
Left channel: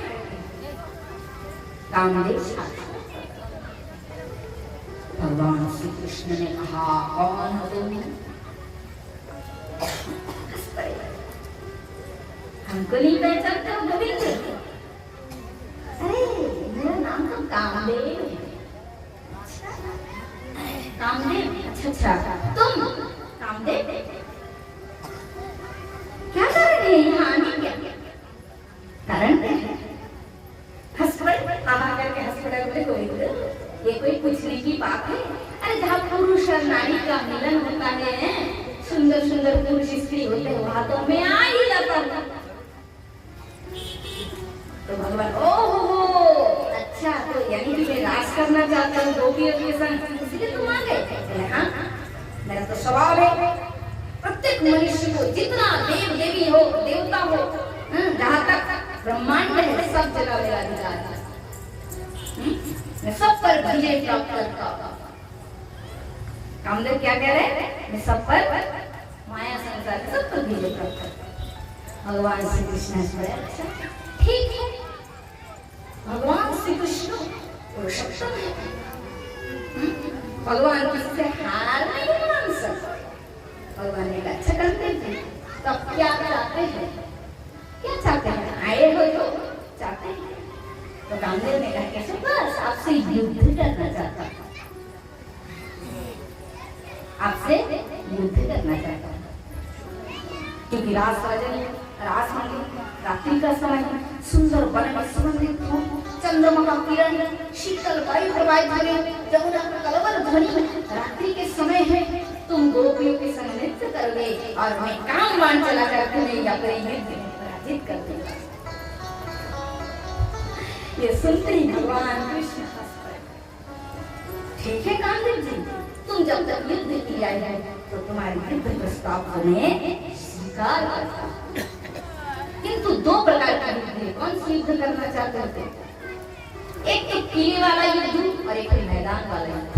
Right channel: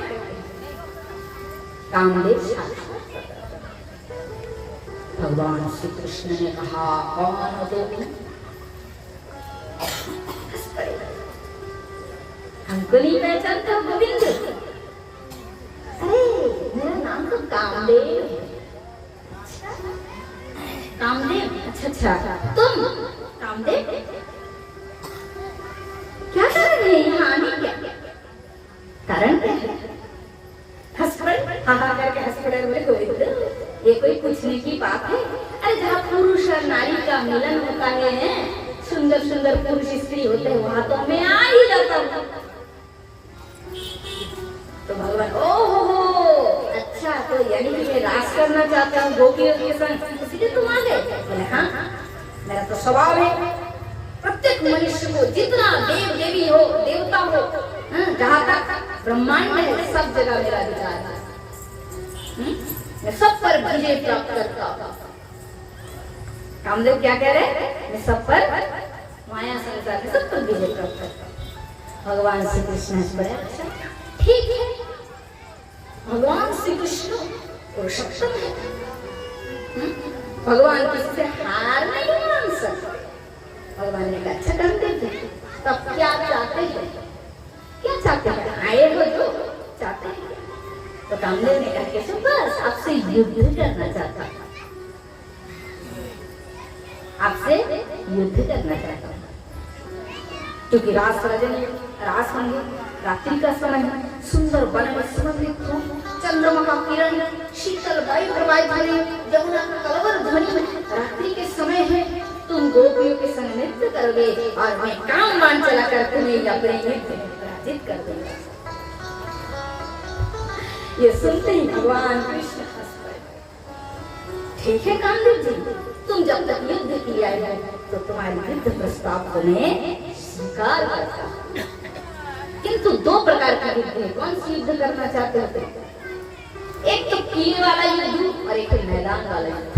कामदेव साक्षात भगवान श्री कृष्ण ने कहा कौन हो तुम? हमको नहीं पहचानते हो गोविंद? अरे मेरा नाम तो कामदेव। कामदेव? अच्छा तुम कामदेव क्या कर रहे हैं यहाँ आने? क्या कारण क्या है? हंस पड़े, हाँ करके हंस पड़े बोले गोविंद ये कोई पूछने की बात है? अरे जहाँ पुरुष और नारी का मिलन होता है, सुंदर सुंदर पुरुष स्त्री होते हैं, वहां तो मैं आ ही जाता हूँ। तो भगवान ओहो अच्छा, तो यानी कि मैं रास करना चाहता हूँ गोपियों के संग, इसलिए तुम आ गए? बोले हाँ, मेरा तो स्वभाव है प्रत्येक मनुष्य को जितना देव देवी हो देवता हो जहाँ तक ब्रह्मांड है सब जगह मेरा अधिकार है, मैं सब पर विजय प्राप्त करता हूँ। कामदेव क्या कह रहे? मैं सब पर माया संसार के सब पर विजय प्राप्त करता हूँ। भगवान श्री कृष्ण अच्छा ठीक है, भगवान श्री कृष्ण पुरुषोत्तम है, भगवान किससे हार नहीं मान सकते। भगवान ने अच्छा करते थे, तब क्या चाहते हैं? क्या चाहते हैं? आए हो जो चाहते हैं। तो कामदेव ने कहा कि बस आपसे युद्ध करना चाहता हूँ, आपसे युद्ध करना चाहता हूँ। क्योंकि रास होंगे, रात्रि का समय, सुंदर वन में सुगंधित फूल, चंद्रमा का किरण, शीतल वायु प्रवाहित हो रही, यमुना का कलवर ध्वनि, रात्रि के समय है, तुम गोपियों के संग नृत्य करोगे और मैं कामवान चलाकर तुम्हें अपने युद्ध में पराजित कर दूंगा। ये सुनते ही भगवान कृष्ण हंस पड़े। ठीक है कामदेव जी, तुम जब तक युद्ध के लिए आए हो तो तुम्हारी युद्ध प्रस्ताव को मैं स्वीकार करता हूँ, किंतु दो प्रकार का युद्ध है। कौन सी युद्ध करना चाहते हो? एक तो किले वाला युद्ध और एक मैदान वाला युद्ध।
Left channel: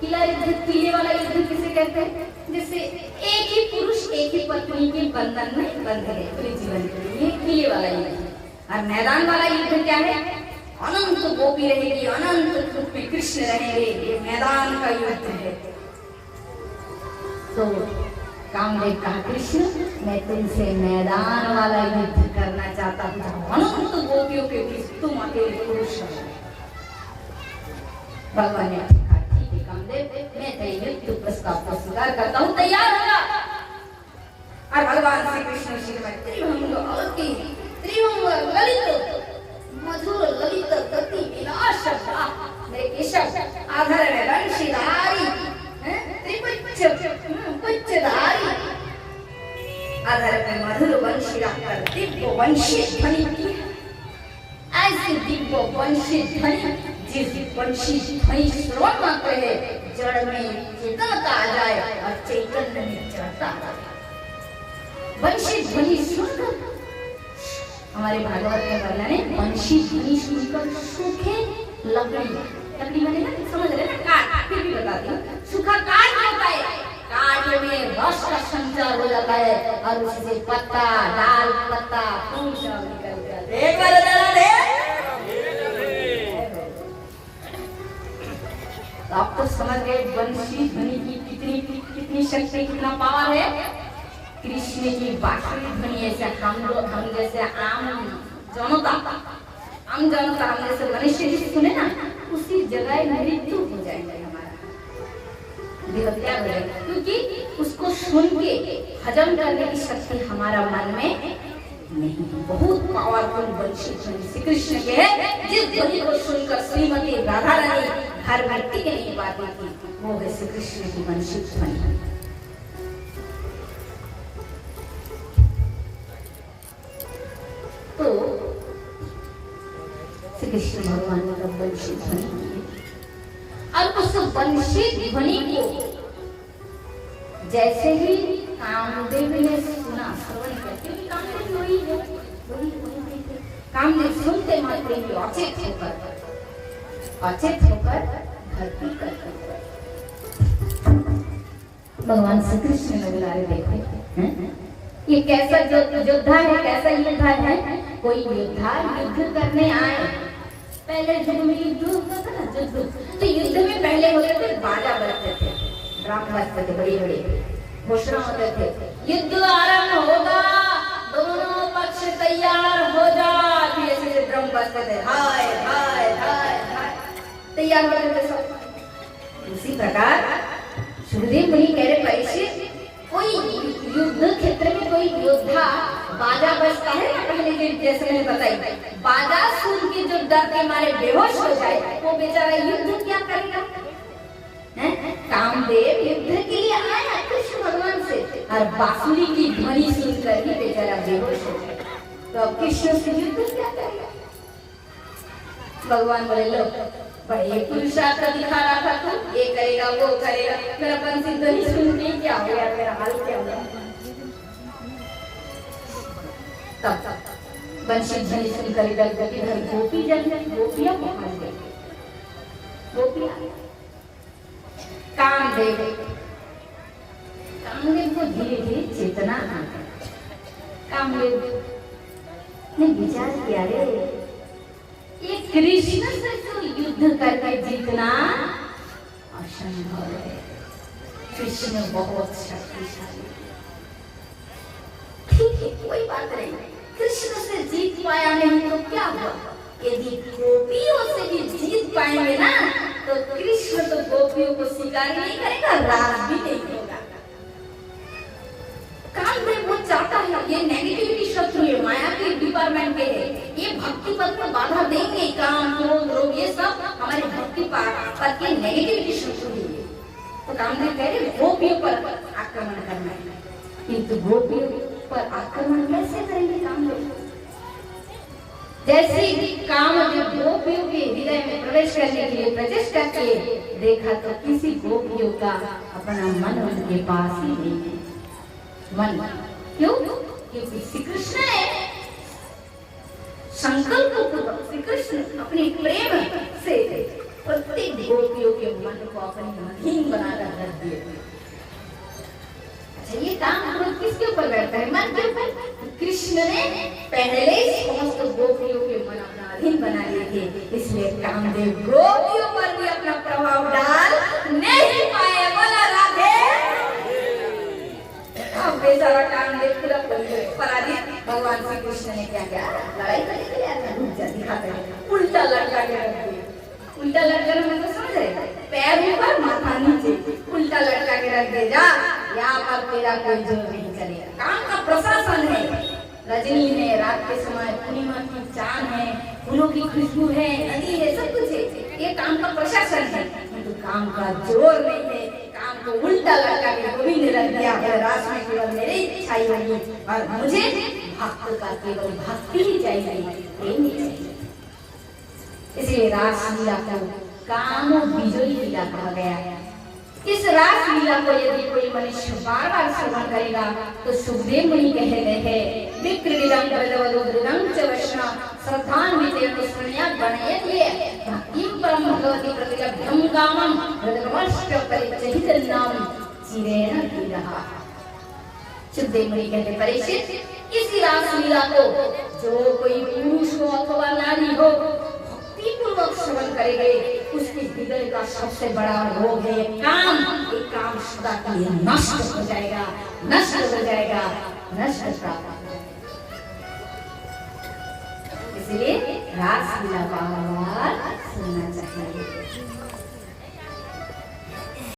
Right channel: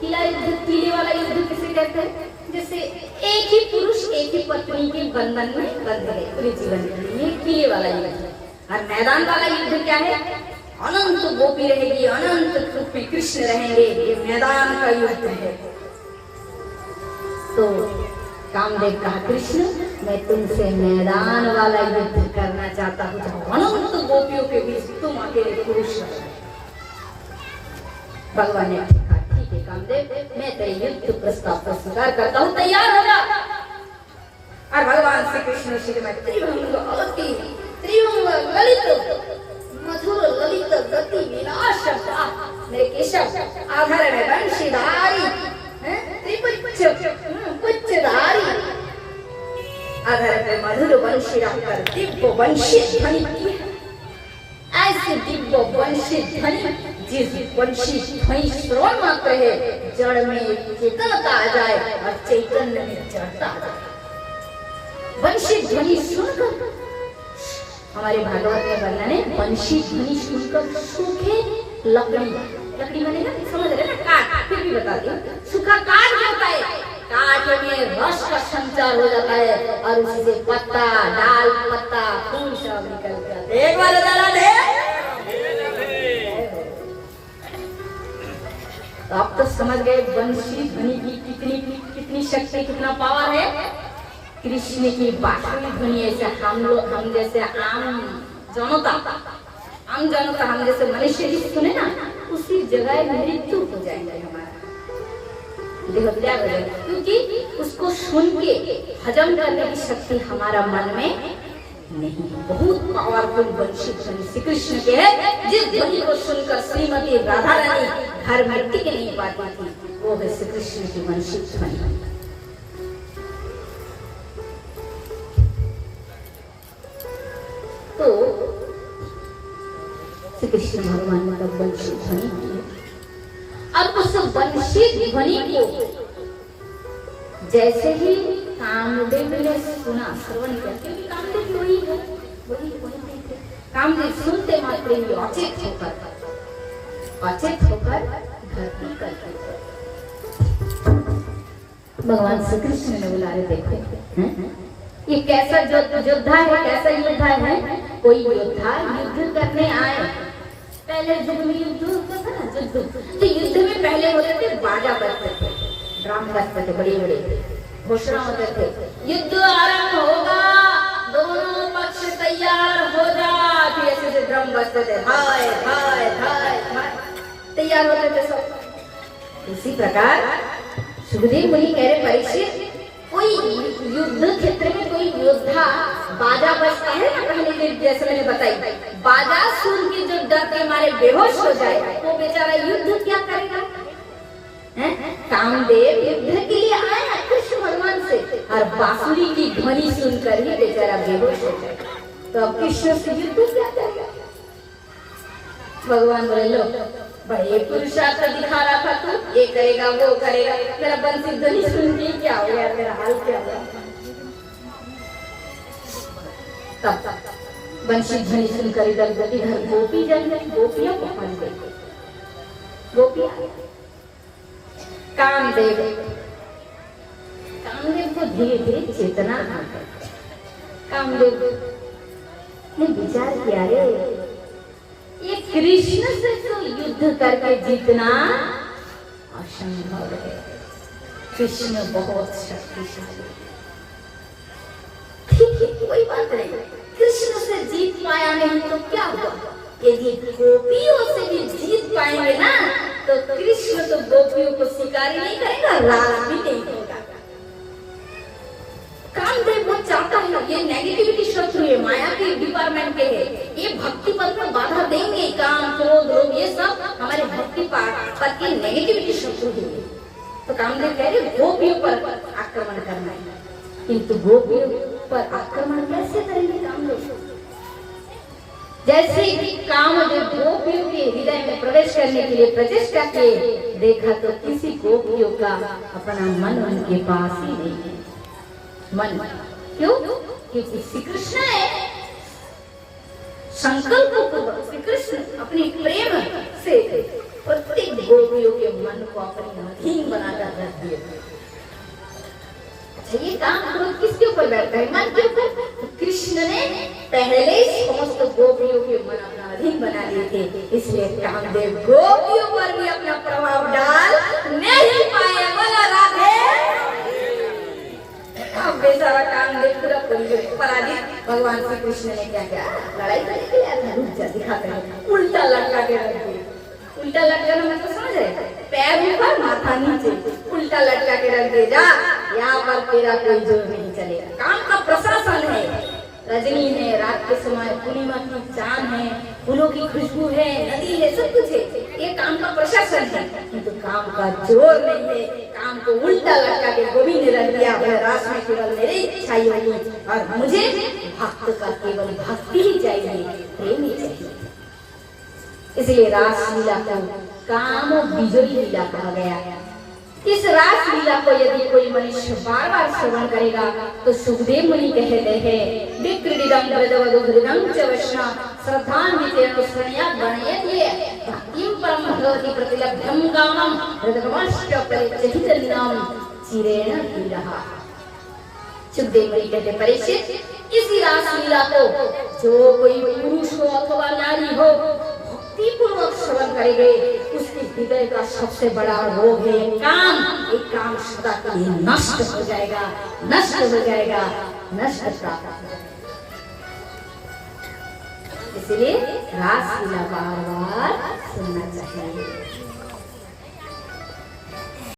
किला युद्ध, किले वाला युद्ध किसे कहते हैं? जैसे एक ही पुरुष एक ही पत्नी के बंधन में बंध गए पूरे जीवन के लिए, किले वाला युद्ध। और मैदान वाला युद्ध क्या है? अनंत गोपी रहेगी, अनंत रूप में कृष्ण रहेंगे, ये मैदान का युद्ध है। तो कामदेव कहा, कृष्ण मैं तुमसे मैदान वाला युद्ध करना चाहता हूँ, अनंत गोपियों के बीच तुम अकेले पुरुष हो। भगवान ने कहा, ठीक है कामदेव, मैं तेरे युद्ध प्रस्ताव को स्वीकार करता हूँ, तैयार होगा। और भगवान श्री कृष्ण श्रीमद त्रिभंग ललित मधुर ललित गति विलास मेरे केशव आधार में वंशीधारी पुच्छधारी आधार पे मधुर वंशी रखकर दिव्य वंशी ध्वनि की है। ऐसी दिव्य वंशी ध्वनि, जिस वंशी ध्वनि श्रवण मात्र है जड़ में चेतनता आ जाए और चैतन्य में जड़ता आ जाए। वंशी ध्वनि सुनकर, हमारे भागवत में वर्णन है, वंशी ध्वनि सुनकर सूखे लकड़ी मैंने ना समझ रहे ना, काट, फिर भी बताती हूँ, सूखा काट होता है, काट में रस का संचार हो जाता है और उसी से पत्ता, डाल, पत्ता, फूल सब निकल जाते हैं। एक बार डाला दे। तो आप तो समझ गए वंशी ध्वनि की कितनी शक्ति, कितना पावर है। कृष्ण की बांसुरी ध्वनि ऐसे हम जैसे आम जनता हम जैसे मनुष्य की सुने ना, उसी जगह मृत्यु हो जाएंगे हमारा, देहत्याग हो जाएगा, क्योंकि उसको सुन के हजम करने की शक्ति हमारा मन में नहीं। बहुत पावरफुल वंशी ध्वनि श्री कृष्ण के है, जिस ध्वनि को सुनकर श्रीमती राधा रानी घर में टिक नहीं पाती थी, वो है श्री कृष्ण की वंशी ध्वनि। तो श्री कृष्ण भगवान ने तब वंशी ध्वनि की, और उस वंशी ध्वनि को जैसे ही कामदेव ने सुना, श्रवण किया, क्योंकि कामदेव वही है, वही कामदेव सुनते मात्र ही अचेत होकर धरती करते भगवान श्री कृष्ण ने बुला रहे, देखो ये कैसा योद्धा है, कैसा योद्धा है। कोई योद्धा युद्ध करने आए, पहले युद्ध में युद्ध होता था ना, तो युद्ध में पहले होते थे बाजा बजते थे, ड्रम बजते थे, बड़ी बड़ी घोषणा होते थे, युद्ध आरंभ होगा, दोनों पक्ष तैयार हो जा, फिर ऐसे ड्रम बजते थे, हाय हाय हाय हाय, तैयार होते थे सब। उसी प्रकार सुखदेव मुनि कह रहे, परीक्षित कोई युद्ध क्षेत्र में कोई योद्धा बाजा बजता है ना, पहले दिन जैसे मैंने बताई, बाजा सुन के जो डर के मारे बेहोश हो जाए, वो बेचारा युद्ध क्या करेगा? कामदेव युद्ध के लिए आए ना कृष्ण भगवान से, और बांसुरी की ध्वनि सुनकर ही बेचारा बेहोश हो जाए, तो अब कृष्ण से युद्ध क्या करेगा? भगवान बोले, लो बड़े पुरुषार्थ दिखा रहा था तू, ये करेगा वो करेगा, मेरा बंसी ध्वनि सुन के क्या हो गया, मेरा हाल क्या हुआ। तब बंसी ध्वनि सुनकर इधर गोपी गोपियां पहुंच गई, गोपियां कामदेव को धीरे धीरे चेतना आ गई। कामदेव ने विचार किया, रे ये कृष्ण से तो युद्ध करके जीतना असंभव है, कृष्ण बहुत शक्तिशाली। ठीक है, कोई बात नहीं, कृष्ण से जीत पाया नहीं तो क्या हुआ, यदि गोपियों से भी जीत पाएंगे ना, तो कृष्ण तो गोपियों को स्वीकार नहीं करेगा, राज भी नहीं होगा। कामदेव ये नेगेटिविटी शत्रु है, माया के डिपार्टमेंट के है, ये भक्ति पथ में बाधा देंगे। काम क्रोध रोग ये सब हमारे भक्ति पथ के नेगेटिविटी शत्रु है। तो कामदेव कह रहे गोपियों पर आक्रमण करना है, किंतु गोपियों पर आक्रमण कैसे करेंगे कामदेव? जैसे कि काम जो गोपियों के हृदय में प्रवेश करने के लिए प्रचेष्टा किए, देखा तो किसी गोपियों का अपना मन उनके पास ही नहीं है। मन क्यों? क्योंकि श्री कृष्ण ने संकल्प पूर्वक श्री कृष्ण अपनी प्रेम से प्रत्येक गोपियों के मन को अपनी अधीन बनाकर रख दिया। अच्छा, ये काम क्रोध किसके ऊपर बैठता है? मन के ऊपर। कृष्ण ने पहले ही समस्त गोपियों के मन अपना अधीन बना लिए थे, इसलिए कामदेव गोपियों पर भी अपना प्रभाव डाल नहीं पाए। बोला राधे। अब बेचारा कामदेव पूरा पराजित। भगवान श्री कृष्ण ने क्या किया? लड़ाई करने के लिए दिखाते हैं, उल्टा लटका के रख दिया। उल्टा लटका मैं तो समझ रहे, पैर ऊपर माथा नीचे, उल्टा लटका के रख दे। जा, यहाँ पर तेरा कोई जोर नहीं चलेगा। काम का प्रशासन है, रजनी है, रात के समय पूर्णिमा की चांद है, फूलों की खुशबू है, नदी है, सब कुछ है, ये काम का प्रशासन है, किंतु काम का जोर नहीं है। काम को उल्टा लटका के गोविंद ने रख दिया। रास में केवल मेरी इच्छा ही होगी और मुझे भक्त का केवल भक्ति ही चाहिए, प्रेम ही चाहिए। इसलिए रास लीला को काम विजयी लीला कहा गया। इस रास लीला को यदि कोई मनुष्य बार बार श्रवण करेगा तो सुखदेव मुनि कहते हैं, विक्रीडं वरदवधुरं च वैष्णव श्रद्धान्वितेन श्रेणिया गणयते भक्तिं परं भगवती प्रतिलब्धं कामं हृदयमष्ट परिचहितं चिरेण लीलः। सुखदेव मुनि कहते, परीक्षित, इसी रास लीला को जो कोई पुरुष हो अथवा नारी हो पूर्वक श्रवण करेंगे, उसके हृदय का सबसे बड़ा रोग है काम। एक काम सदा के लिए नष्ट हो जाएगा, नष्ट हो जाएगा, नष्ट प्राप्त हो जाएगा। इसलिए रास लीला बार बार सुनना चाहिए।